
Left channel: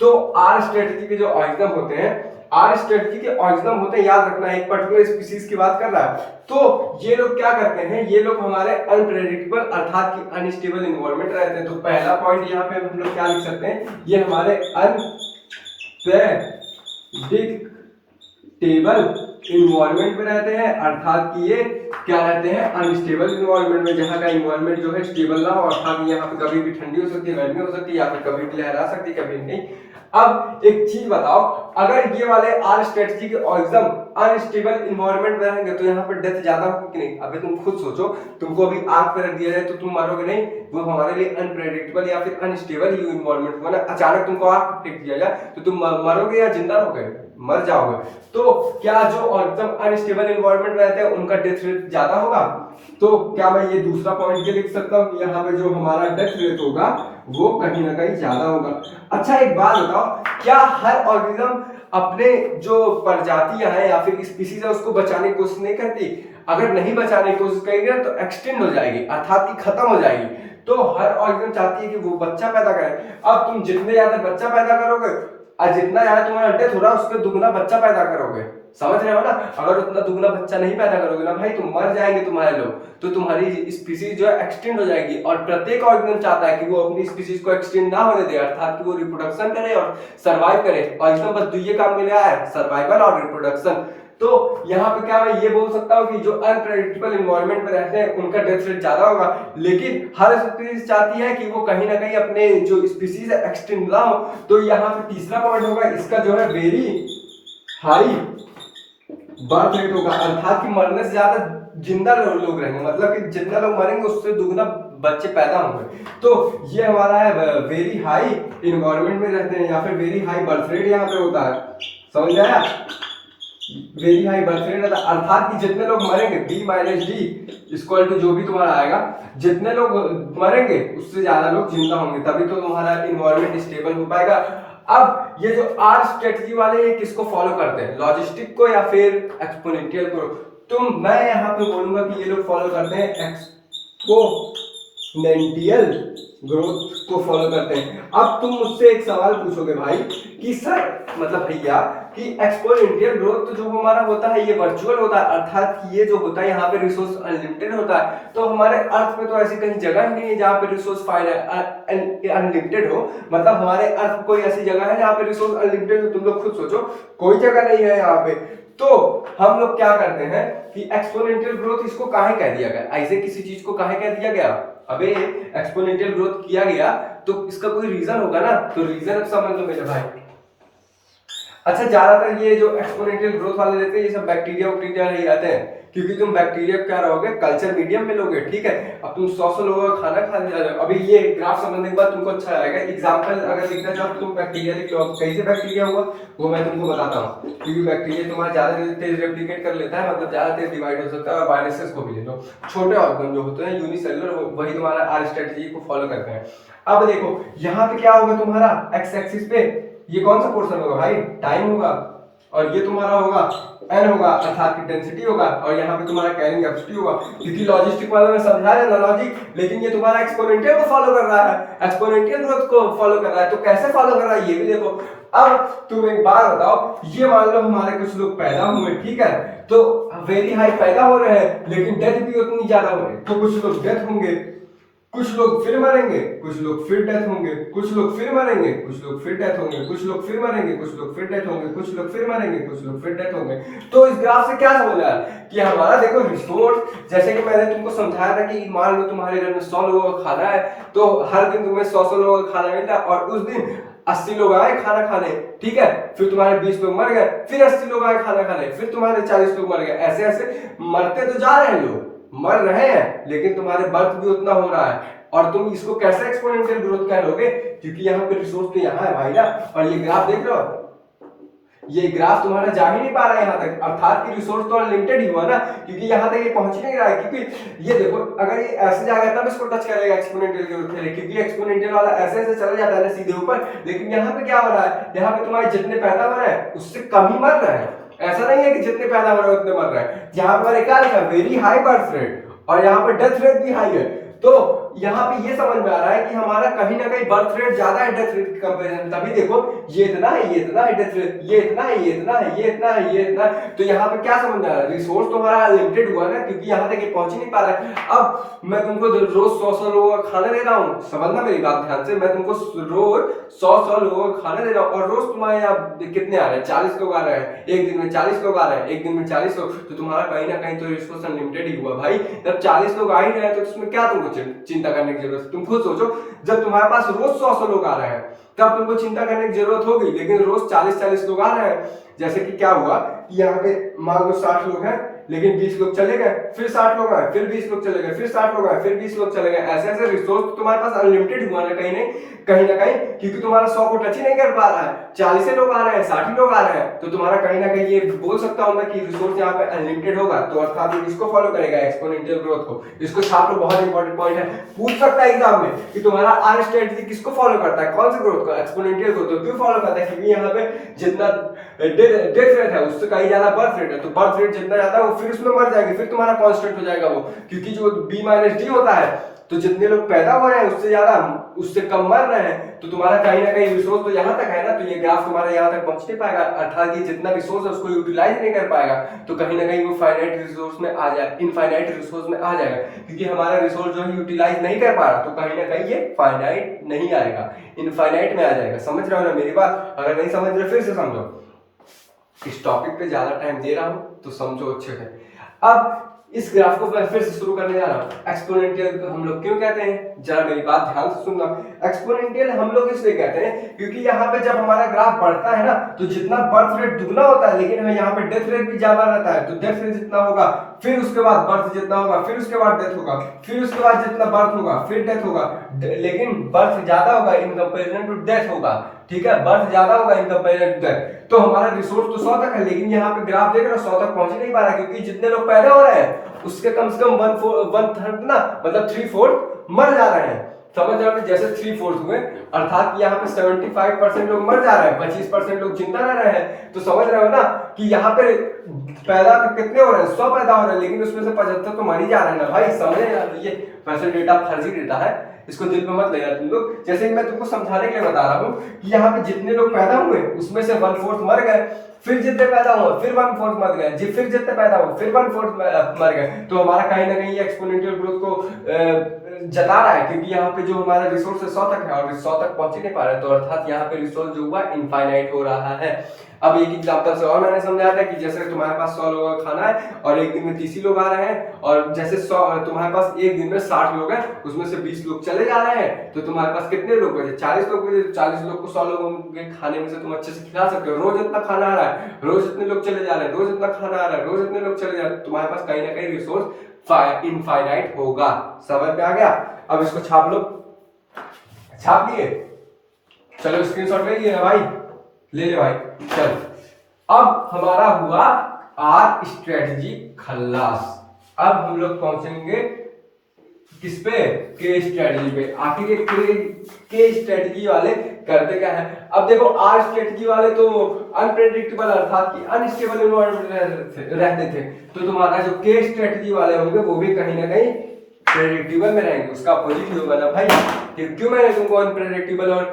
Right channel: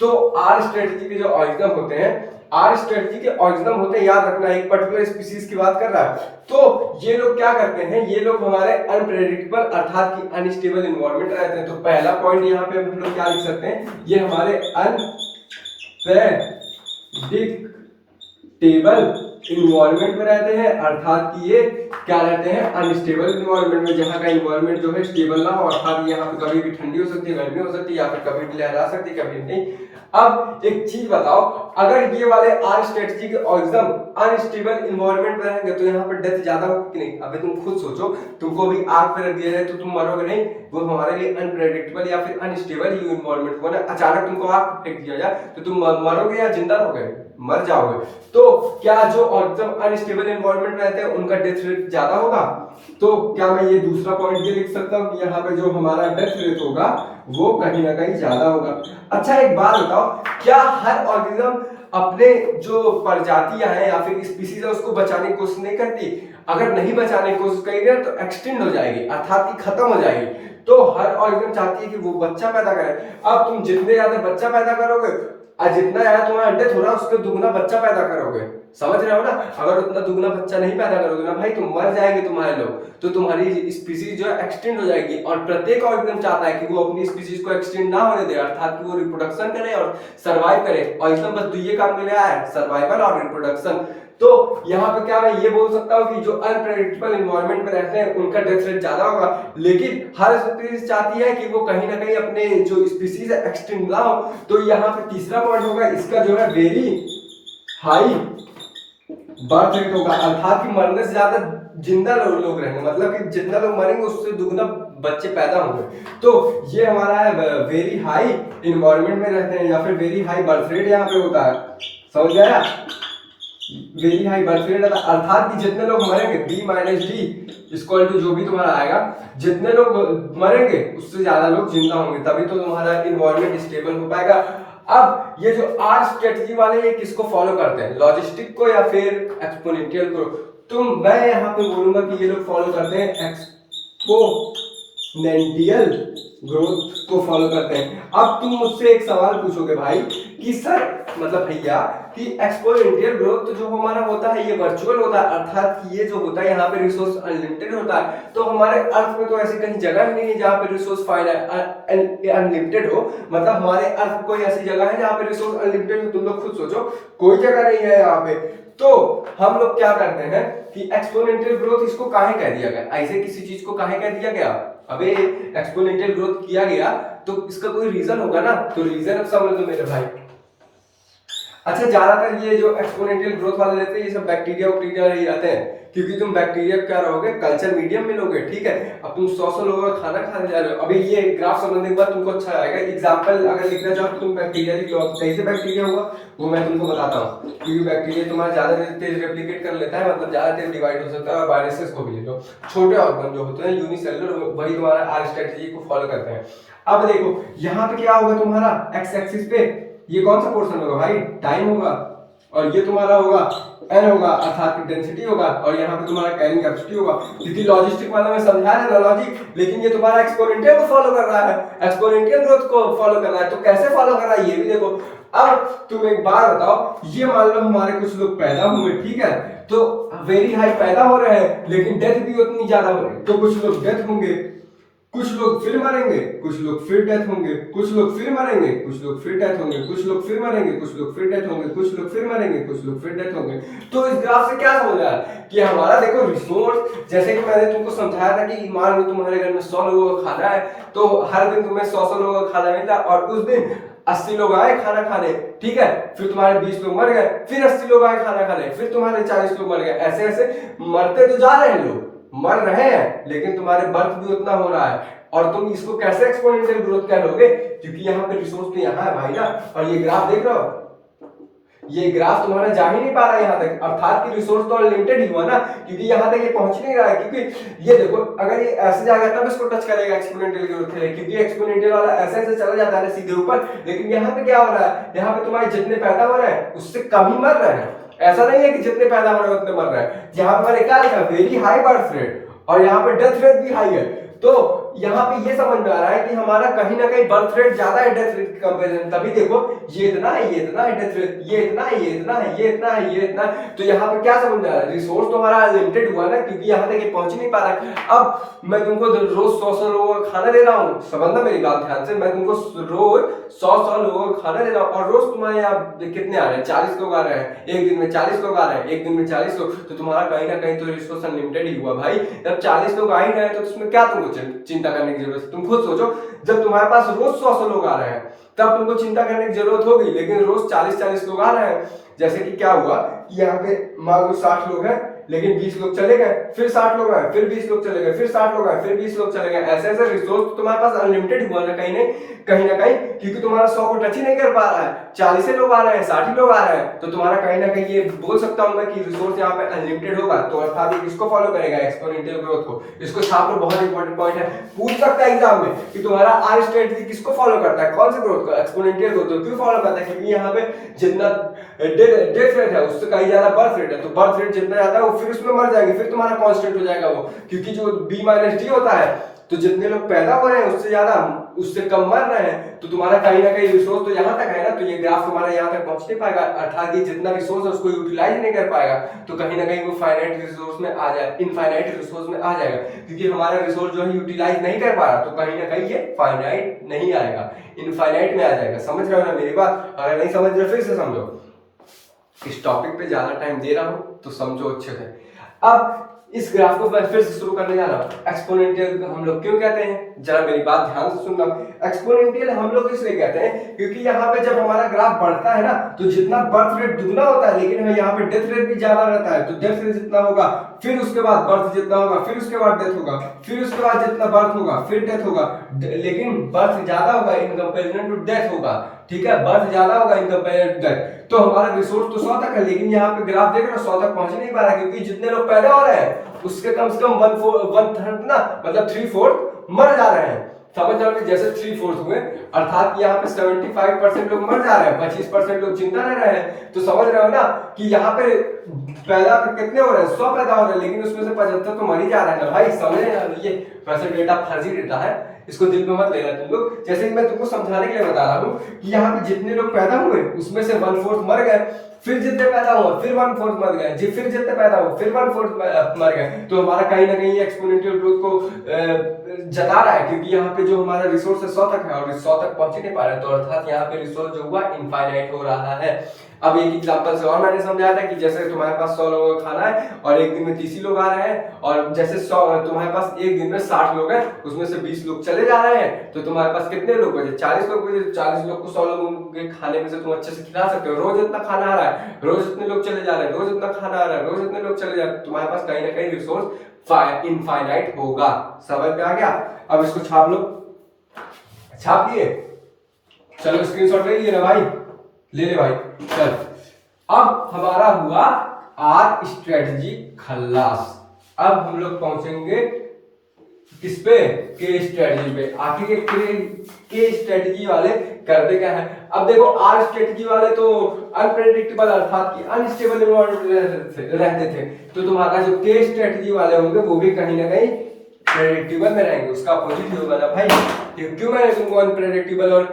तो आर स्ट्रेटजी के जो ऑरिजिनम होते हैं, आर स्ट्रेटजी के ऑरिजिनम होते हैं, याद रखना एक पर्टिकुलर स्पीशीज की बात कर रहा है, तो ये लोग क्या करते हैं, ये लोग हमारे अनप्रेडिक्टेबल अर्थात कि अनस्टेबल इन्वायरमेंट रहते हैं। तो पहला पॉइंट यहाँ पे हम लोग क्या लिख सकते हैं, ये हमारे अनप्रेडिक्टेबल इन्वायरमेंट में रहते हैं, अर्थात कि ये क्या रहते हैं, अनस्टेबल इन्वायरमेंट में, जहाँ का इन्वायरमेंट जो है स्टेबल ना हो, अर्थात यहाँ पे कभी भी ठंडी हो सकती है, गर्मी हो सकती है, या फिर कभी भी लहर आ सकती है, कभी नहीं। अब एक चीज बताओ, अगर ये वाले आर स्ट्रेटजी के ऑरिजिनम अनस्टेबल इन्वायरमेंट में रहेंगे तो यहाँ पर डेथ ज्यादा होगी कि नहीं। अभी तुम खुद सोचो, तुमको अभी आग पे रख दिया जाए तो तुम मरोगे नहीं, वो हमारे लिए अनप्रेडिक्टेबल या फिर अनस्टेबल इन्वायरमेंट हुआ ना, अचानक तुमको आग पे फेंक दिया जाए तो तुम मरोगे या जिंदा रहोगे, मर जाओगे। तो क्या जो एकदम अनस्टेबल इन्वायरमेंट रहते हैं उनका डेथ रेट ज्यादा होगा। तो क्या मैं ये दूसरा पॉइंट ये लिख सकता हूँ कि यहाँ पे जो हमारा डेथ रेट होगा वो कहीं ना कहीं ज्यादा होगा। अच्छा एक बात बताओ, क्या हर ऑर्गेनिज्म अपने जो प्रजातियां हैं या फिर स्पीसीज है उसको बचाने की कोशिश नहीं करती। अगर नहीं बचाने की कोशिश करेगी ना तो एक्सटिंक्ट हो जाएगी, अर्थात कि खत्म हो जाएगी। तो हर ऑर्गेनिज्म चाहती है कि वो बच्चा पैदा करे। अब तुम जितने ज्यादा बच्चा पैदा करोगे और जितना ज्यादा तुम्हारा अंडे थोड़ा उसके दुगना बच्चा पैदा करोगे, समझ रहे हो ना। अगर उतना दुगना बच्चा नहीं पैदा करोगे ना भाई, तुम मर जाएंगे तुम्हारे लोग, तो तुम्हारी स्पीसीज जो है एक्सटेंड हो जाएगी। और प्रत्येक ऑर्गेनिज्म चाहता है कि वो अपनी स्पीसीज को एक्सटेंड ना होने दे, अर्थात कि वो रिप्रोडक्शन करे और सर्वाइव करे। और एकदम बस दुइये काम में लिया है, सर्वाइवल और रिप्रोडक्शन। तो यहाँ पे क्या मैं ये बोल सकता हूँ कि जो अनप्रेडिक्टेबल एनवायरनमेंट में रहते हैं उनका डेथ रेट ज्यादा होगा, लेकिन हर स्पीसीज चाहती है कि वो कहीं ना कहीं अपने जो स्पीसीज है एक्सटेंड ना हो। तो यहाँ पे तीसरा पॉइंट होगा इसका जो है वेरी हाई बर्थ रेट होगा, अर्थात कि मरने से ज्यादा जिंदा लोग रहेंगे, मतलब कि जितना लोग मरेंगे उससे दुगना बच्चे पैदा होंगे। तो ये हमारा है वेरी हाई इन्वायरमेंट में रहते हैं या फिर वेरी हाई बर्थ रेट यहाँ पे होता है, समझ में आया। वेरी हाई बर्थ रेट अर्थात कि जितने लोग मरेंगे B minus D equal to जो भी तुम्हारा आएगा, जितने लोग मरेंगे उससे ज्यादा लोग जिंदा होंगे, तभी तो तुम्हारा इन्वायरमेंट स्टेबल हो पाएगा। अब ये जो आर स्ट्रेटजी वाले ये किसको फॉलो करते हैं, लॉजिस्टिक को या फिर एक्सपोनेंशियल को। तो मैं यहाँ पे बोलूंगा कि ये लोग फॉलो करते हैं एक्सपोनेंशियल ग्रोथ को फॉलो करते हैं। अब तुम मुझसे एक सवाल पूछोगे भाई कि सर मतलब भैया कि एक्सपोनेंशियल ग्रोथ तो जो हमारा होता है ये वर्चुअल होता है, अर्थात कि ये जो होता है यहाँ पे रिसोर्स अनलिमिटेड होता है। तो हमारे अर्थ में तो ऐसी कहीं जगह ही नहीं है जहाँ पे रिसोर्स अनलिमिटेड हो, मतलब हमारे अर्थ कोई ऐसी जगह है जहाँ पे रिसोर्स अनलिमिटेड हो। तुम लोग खुद सोचो, कोई जगह नहीं है यहाँ पे। तो हम लोग क्या करते हैं कि एक्सपोनेंशियल ग्रोथ इसको काहे कह दिया गया, ऐसे किसी चीज को काहे कह दिया गया। अबे एक्सपोनेंशियल ग्रोथ किया गया तो इसका कोई रीजन होगा ना, तो रीजन अब समझ लो मेरे भाई। अच्छा, ज्यादातर ये जो एक्सपोनेंशियल ग्रोथ वाले लेते हैं ये सब बैक्टीरिया ही रहते हैं, क्योंकि तुम बैक्टीरिया क्या रहोगे, कल्चर मीडियम में लोगे, ठीक है। अब तुम 100 लोगों का खाना खाने जा रहे हो। अभी ये ग्राफ समझने के बाद तुमको अच्छा आएगा। एग्जांपल अगर लिखना चाहो तुम बैक्टीरिया लिख लो। कैसे बैक्टीरिया हुआ वो मैं तुमको बताता हूँ, क्योंकि बैक्टीरिया तुम्हारा ज्यादा तेज रेप्लिकेट कर लेता है, मतलब ज्यादा तेज डिवाइड हो सकता है। और वायरसेस को भी ले लो, छोटे ऑर्गन जो होते हैं यूनिसेलुलर, वही तुम्हारा आर स्ट्रेटजी को फॉलो करते हैं। अब देखो यहाँ पे क्या होगा, तुम्हारा एक्स एक्सिस पे ये कौन सा पोर्शन होगा भाई, टाइम होगा, और ये तुम्हारा होगा एन होगा, अर्थात की डेंसिटी होगा, और यहाँ पे तुम्हारा कैरिंग कैपेसिटी होगा। क्योंकि लॉजिस्टिक वाला में समझा रहे ना लॉजिक, लेकिन ये तुम्हारा एक्सपोनेंशियल को फॉलो कर रहा है, एक्सपोनेंशियल ग्रोथ को फॉलो कर रहा है। तो कैसे फॉलो कर रहा है ये भी देखो। अब तुम एक बात बताओ, ये मान लो हमारे कुछ लोग पैदा हुए, ठीक है, तो वेरी हाई पैदा हो रहे हैं, लेकिन डेथ भी उतनी ज्यादा हो रही है। तो कुछ लोग डेथ होंगे, कुछ लोग फिर मरेंगे, कुछ लोग फिर डेथ होंगे, कुछ लोग फिर मरेंगे, कुछ लोग फिर डेथ होंगे, कुछ लोग फिर मरेंगे, कुछ लोग फिर डेथ होंगे, कुछ लोग फिर मरेंगे, कुछ लोग फिर डेथ होंगे। तो इस ग्राफ से क्या समझ रहा है कि हमारा देखो रिसोर्स, जैसे कि मैंने तुमको समझाया था कि मान लो तुम्हारे घर में 100 लोगों का खाना है, तो हर दिन तुम्हें 100 लोगों का खाना मिलता है, और उस दिन 80 लोग आए खाना खाने, ठीक है, फिर तुम्हारे 20 लोग मर गए, फिर 80 लोग आए खाना खाने, फिर तुम्हारे 40 लोग मर गए। ऐसे ऐसे मरते तो जा रहे हैं, लोग मर रहे हैं, लेकिन तुम्हारे बर्थ भी उतना हो रहा है। और तुम इसको कैसे एक्सपोनेंशियल ग्रोथ कह लोगे, क्योंकि यहाँ पे रिसोर्स तो यहाँ है भाई ना। और ये ग्राफ देख रहे हो, ये ग्राफ तुम्हारा जा ही नहीं पा रहा है यहाँ तक, अर्थात कि रिसोर्स तो अनलिमिटेड ही हुआ ना, क्योंकि यहाँ तक ये पहुंच नहीं रहा है। क्योंकि ये देखो, अगर ये ऐसे जाएगा तब इसको टच करेगा एक्सपोनेंशियल ग्रोथ के लिए, क्योंकि एक्सपोनेंशियल वाला ऐसे ऐसे चला जाता है ना सीधे ऊपर। लेकिन यहाँ पे क्या हो रहा है, यहाँ पे तुम्हारे जितने पैदा हो रहे हैं उससे कम ही मर रहे हैं। ऐसा नहीं है कि जितने पैदा हो रहे हैं उतने मर रहे हैं। यहाँ पे मैंने क्या लिखा, वेरी हाई बर्थ रेट, और यहाँ पे डेथ रेट भी हाई है। तो यहाँ पे ये समझ में आ रहा है कि हमारा कहीं ना कहीं बर्थ रेट ज्यादा है डेथ रेट के कंपैरिजन। तभी देखो ये इतना है, ये इतना है डेथ रेट, ये इतना है, ये इतना है, ये इतना है, ये इतना है। तो यहाँ पे क्या समझ में आ रहा है, रिसोर्स तो हमारा लिमिटेड हुआ ना, क्योंकि यहाँ तक ये पहुंच नहीं पा रहा है। अब मैं तुमको रोज 100 लोगों का खाना दे रहा हूँ, समझना मेरी बात ध्यान से, मैं तुमको रोज 100 लोगों का खाना दे रहा हूँ, और रोज तुम्हारे यहाँ कितने आ रहे हैं, 40 लोग आ रहे हैं, एक दिन में 40 लोग आ रहे हैं, एक दिन में 40 लोग, तो तुम्हारा कहीं ना कहीं तो रिसोर्स अनलिमिटेड ही हुआ भाई। जब 40 लोग आ ही रहे हैं तो उसमें क्या तुमको चिंता करने की जरूरत है। तुम खुद सोचो, जब तुम्हारे पास रोज 100 लोग आ रहे हैं तब तुमको चिंता करने की जरूरत होगी, लेकिन रोज 40 लोग आ रहे हैं। जैसे कि क्या हुआ कि यहाँ पे मान लो 60 लोग हैं, लेकिन 20 लोग चले गए, फिर 60 लोग आए, फिर 20 लोग चले गए, फिर 60 लोग आए, फिर 20 लोग चले गए। ऐसे ऐसे रिसोर्स तो तुम्हारे पास अनलिमिटेड हुआ ना कहीं ना कहीं, क्योंकि तुम्हारा 100 को टच ही नहीं कर पा रहा है। 40 लोग आ रहे हैं, 60 लोग आ रहे हैं, तो तुम्हारा कहीं ना कहीं ये बोल सकता हूं मैं कि रिसोर्स यहाँ पे अनलिमिटेड होगा। तो अर्थात ये किसको फॉलो करेगा, एक्सपोनेंशियल ग्रोथ को। इसको छाप लो, बहुत इंपॉर्टेंट पॉइंट है, पूछ सकता है एग्जाम में कि तुम्हारा आर स्ट्रेटजी किसको फॉलो करता है, कौन से ग्रोथ का, एक्सपोनेंशियल ग्रोथ। तो क्यों फॉलो करता है, क्योंकि यहाँ पे जितना डेथ रेट है उससे कहीं ज्यादा बर्थ रेट है, तो बर्थ रेट जितना ज्यादा है वो फिर उसमें मर जाएंगे, फिर तुम्हारा कांस्टेंट हो जाएगा वो, क्योंकि जो बी माइनस डी होता है, तो जितने लोग पैदा हो रहे हैं उससे ज्यादा उससे कम मर रहे हैं, तो तुम्हारा कहीं ना कहीं रिसोर्स तो यहाँ तक है ना, तो ये ग्राफ तुम्हारा यहाँ तक पहुंच नहीं पाएगा, अर्थात ये जितना रिसोर्स है उसको यूटिलाइज नहीं कर पाएगा, तो कहीं ना कहीं वो फाइनाइट रिसोर्स में आ जाए, इनफाइनाइट रिसोर्स में आ जाएगा, क्योंकि हमारा रिसोर्स जो है यूटिलाइज नहीं कर पा रहा, तो कहीं ना कहीं ये फाइनाइट नहीं आएगा, इनफाइनाइट में आ जाएगा। समझ रहे हो ना मेरी बात? अगर नहीं समझ रहे फिर से समझो, इस टॉपिक पे ज्यादा टाइम दे रहा हूं तो समझो अच्छे से। अब इस ग्राफ को मैं फिर से शुरू करने जा रहा हूँ। एक्सपोनेंशियल हम लोग क्यों कहते हैं, जरा मेरी बात ध्यान से सुनना। एक्सपोनेंशियल हम लोग इसलिए कहते हैं क्योंकि यहाँ पे जब हमारा ग्राफ बढ़ता है ना, तो जितना बर्थ रेट दुगना होता है, लेकिन यहाँ पे डेथ रेट भी ज्यादा रहता है, तो डेथ रेट जितना होगा, फिर उसके बाद बर्थ जितना होगा, फिर उसके बाद डेथ होगा, फिर उसके बाद जितना बर्थ होगा फिर डेथ होगा, लेकिन बर्थ ज्यादा होगा इन कंपेरिजन टू डेथ होगा, ठीक है, बर्थ ज्यादा होगा इन कंपेरिजन टू डेथ। तो हमारा रिसोर्स तो 100 तक है, लेकिन यहाँ पे ग्राफ देख रहे हो 100 तक पहुंच नहीं पा रहा है, क्योंकि जितने लोग पैदा हो रहे हैं उसके कम से कम 1/3 ना, मतलब 3/4 मर जा रहे हैं। समझ रहे हो, जैसे 3/4 हुए, अर्थात यहाँ पे 75% लोग मर जा रहे हैं, 25% लोग जिंदा रह रहे हैं। तो समझ रहे हो ना कि यहाँ पे पैदा कितने हो रहे हैं, 100 पैदा हो रहे हैं, लेकिन उसमें से 75 तो मर ही जा रहे हैं ना भाई, समझ रहे हैं? ये वैसे डेटा फर्जी डेटा है, इसको दिल पे मत लेना तुम लोग। जैसे कि मैं तुमको समझाने के लिए बता रहा हूँ कि यहाँ पे जितने लोग पैदा हुए उसमें से 1/4 मर गए, फिर जितने पैदा हुए फिर 1/4 मर गए, फिर जितने पैदा हुए फिर 1/4 मर गए। तो हमारा कहीं ना कहीं एक्सपोनेंशियल ग्रोथ को जता रहा है, क्योंकि यहाँ पे जो हमारा रिसोर्स है 100 तक है और 100 तक पहुंच ही नहीं पा रहे, तो अर्थात यहाँ पे रिसोर्स जो हुआ इनफाइनाइट हो रहा है। अब एक एग्जांपल से और मैंने समझाया था कि जैसे तुम्हारे पास 100 लोगों का खाना है और एक दिन में 30 ही लोग आ रहे हैं, और जैसे 100 तुम्हारे पास एक दिन में 60 लोग हैं, उसमें से 20 लोग चले जा रहे हैं, तो तुम्हारे पास कितने लोग बचे? 40 लोग बचे। 40 लोग को 100 लोगों के खाने में से तुम अच्छे से खिला सकते हो। रोज इतना खाना आ रहा है, रोज इतने लोग चले जा रहे हैं, रोज इतना खाना आ रहा है, रोज इतने लोग चले जा रहे हैं, तुम्हारे पास कहीं ना कहीं रिसोर्स इनफाइनाइट होगा। समझ में आ गया? अब इसको छाप लो। छाप लिए? चलो स्क्रीनशॉट ले लीजिए ना भाई, ले ले भाई। चल, अब हमारा हुआ आर स्ट्रेटजी खल्लास। अब हम लोग पहुंचेंगे किस पे? के स्ट्रेटजी पे। आखिर के स्ट्रेटजी वाले करते क्या है? अब देखो, आर स्ट्रेटजी वाले तो अनप्रेडिक्टेबल अर्थात कि अनस्टेबल एनवायरनमेंट रहते थे, तो तुम्हारा जो के स्ट्रेटजी वाले होंगे वो भी कहीं ना कहीं प्रेडिक्टेबल में रहेंगे। उसका अपोजिट ही होगा ना भाई। क्यों मैंने तुमको अनप्रेडिक्टेबल और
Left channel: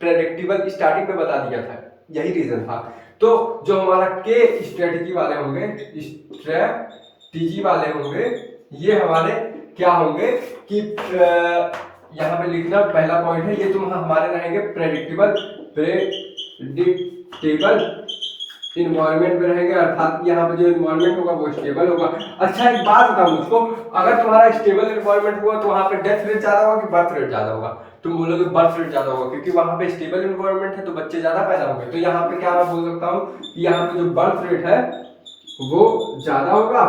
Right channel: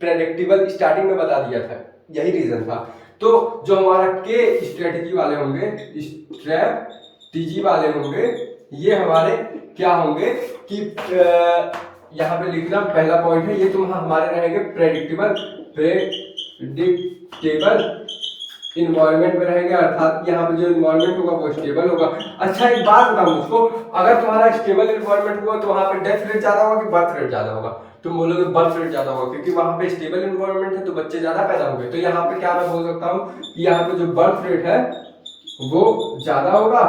प्रेडिक्टेबल स्टार्टिंग में बता दिया था? यही रीजन था। तो जो हमारा के स्ट्रेटजी वाले होंगे, स्ट्रेटजी वाले होंगे, ये हमारे क्या होंगे कि यहाँ पे लिखना पहला पॉइंट है, ये तुम हमारे रहेंगे प्रेडिक्टेबल इन्वायरमेंट में रहेंगे, अर्थात यहाँ पे जो इन्वायरमेंट होगा वो स्टेबल होगा। अच्छा, एक बात बताओ मुझको, अगर तुम्हारा स्टेबल इन्वायरमेंट हुआ तो वहाँ पे डेथ रेट ज्यादा होगा कि बर्थ रेट ज्यादा होगा? तुम बोलोगे बर्थ रेट ज्यादा होगा, क्योंकि वहाँ पे स्टेबल इन्वायरमेंट है तो बच्चे ज्यादा पैदा होंगे। तो यहाँ पे क्या मैं बोल सकता हूँ, यहाँ पे जो बर्थ रेट है वो ज्यादा होगा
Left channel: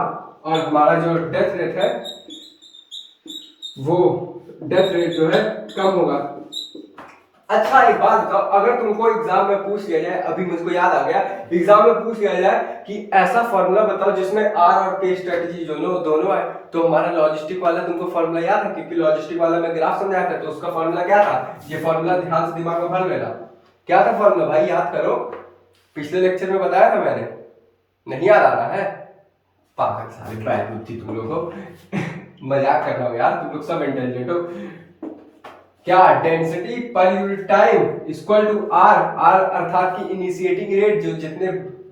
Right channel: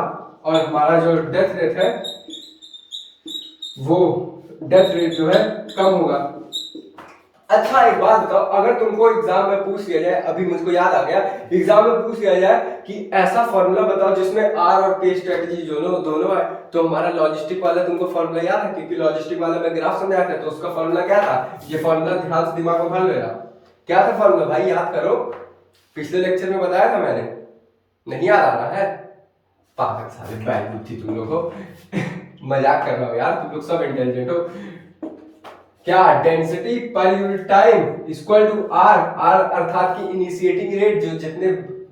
और हमारा जो डेथ रेट है वो डेथ रेट जो है कम होगा। अच्छा, एक बात बताओ, अगर तुमको एग्जाम में पूछ लिया जाए, अभी मुझको याद आ गया, एग्जाम में पूछ लिया जाए कि ऐसा फॉर्मूला बताओ जिसमें आर और के स्ट्रेटजी दोनों है, तो हमारा लॉजिस्टिक वाला तुमको फॉर्मूला याद है? क्योंकि लॉजिस्टिक वाला मैं ग्राफ समझाया था, तो उसका फॉर्मूला क्या था? ये फॉर्मूला ध्यान से दिमाग में भर लेना। क्या था फॉर्मूला भाई? याद करो, पिछले लेक्चर में बताया था मैंने, नहीं याद आ रहा है? पागल सारे बैठ थी तुम लोगों को मजाक कर रहा हूँ यार, तुम लोग सब इंटेलिजेंट हो। क्या? डेंसिटी पर unit time equal to R. R अर्थात की इनिशिएटिंग रेट, जो जितने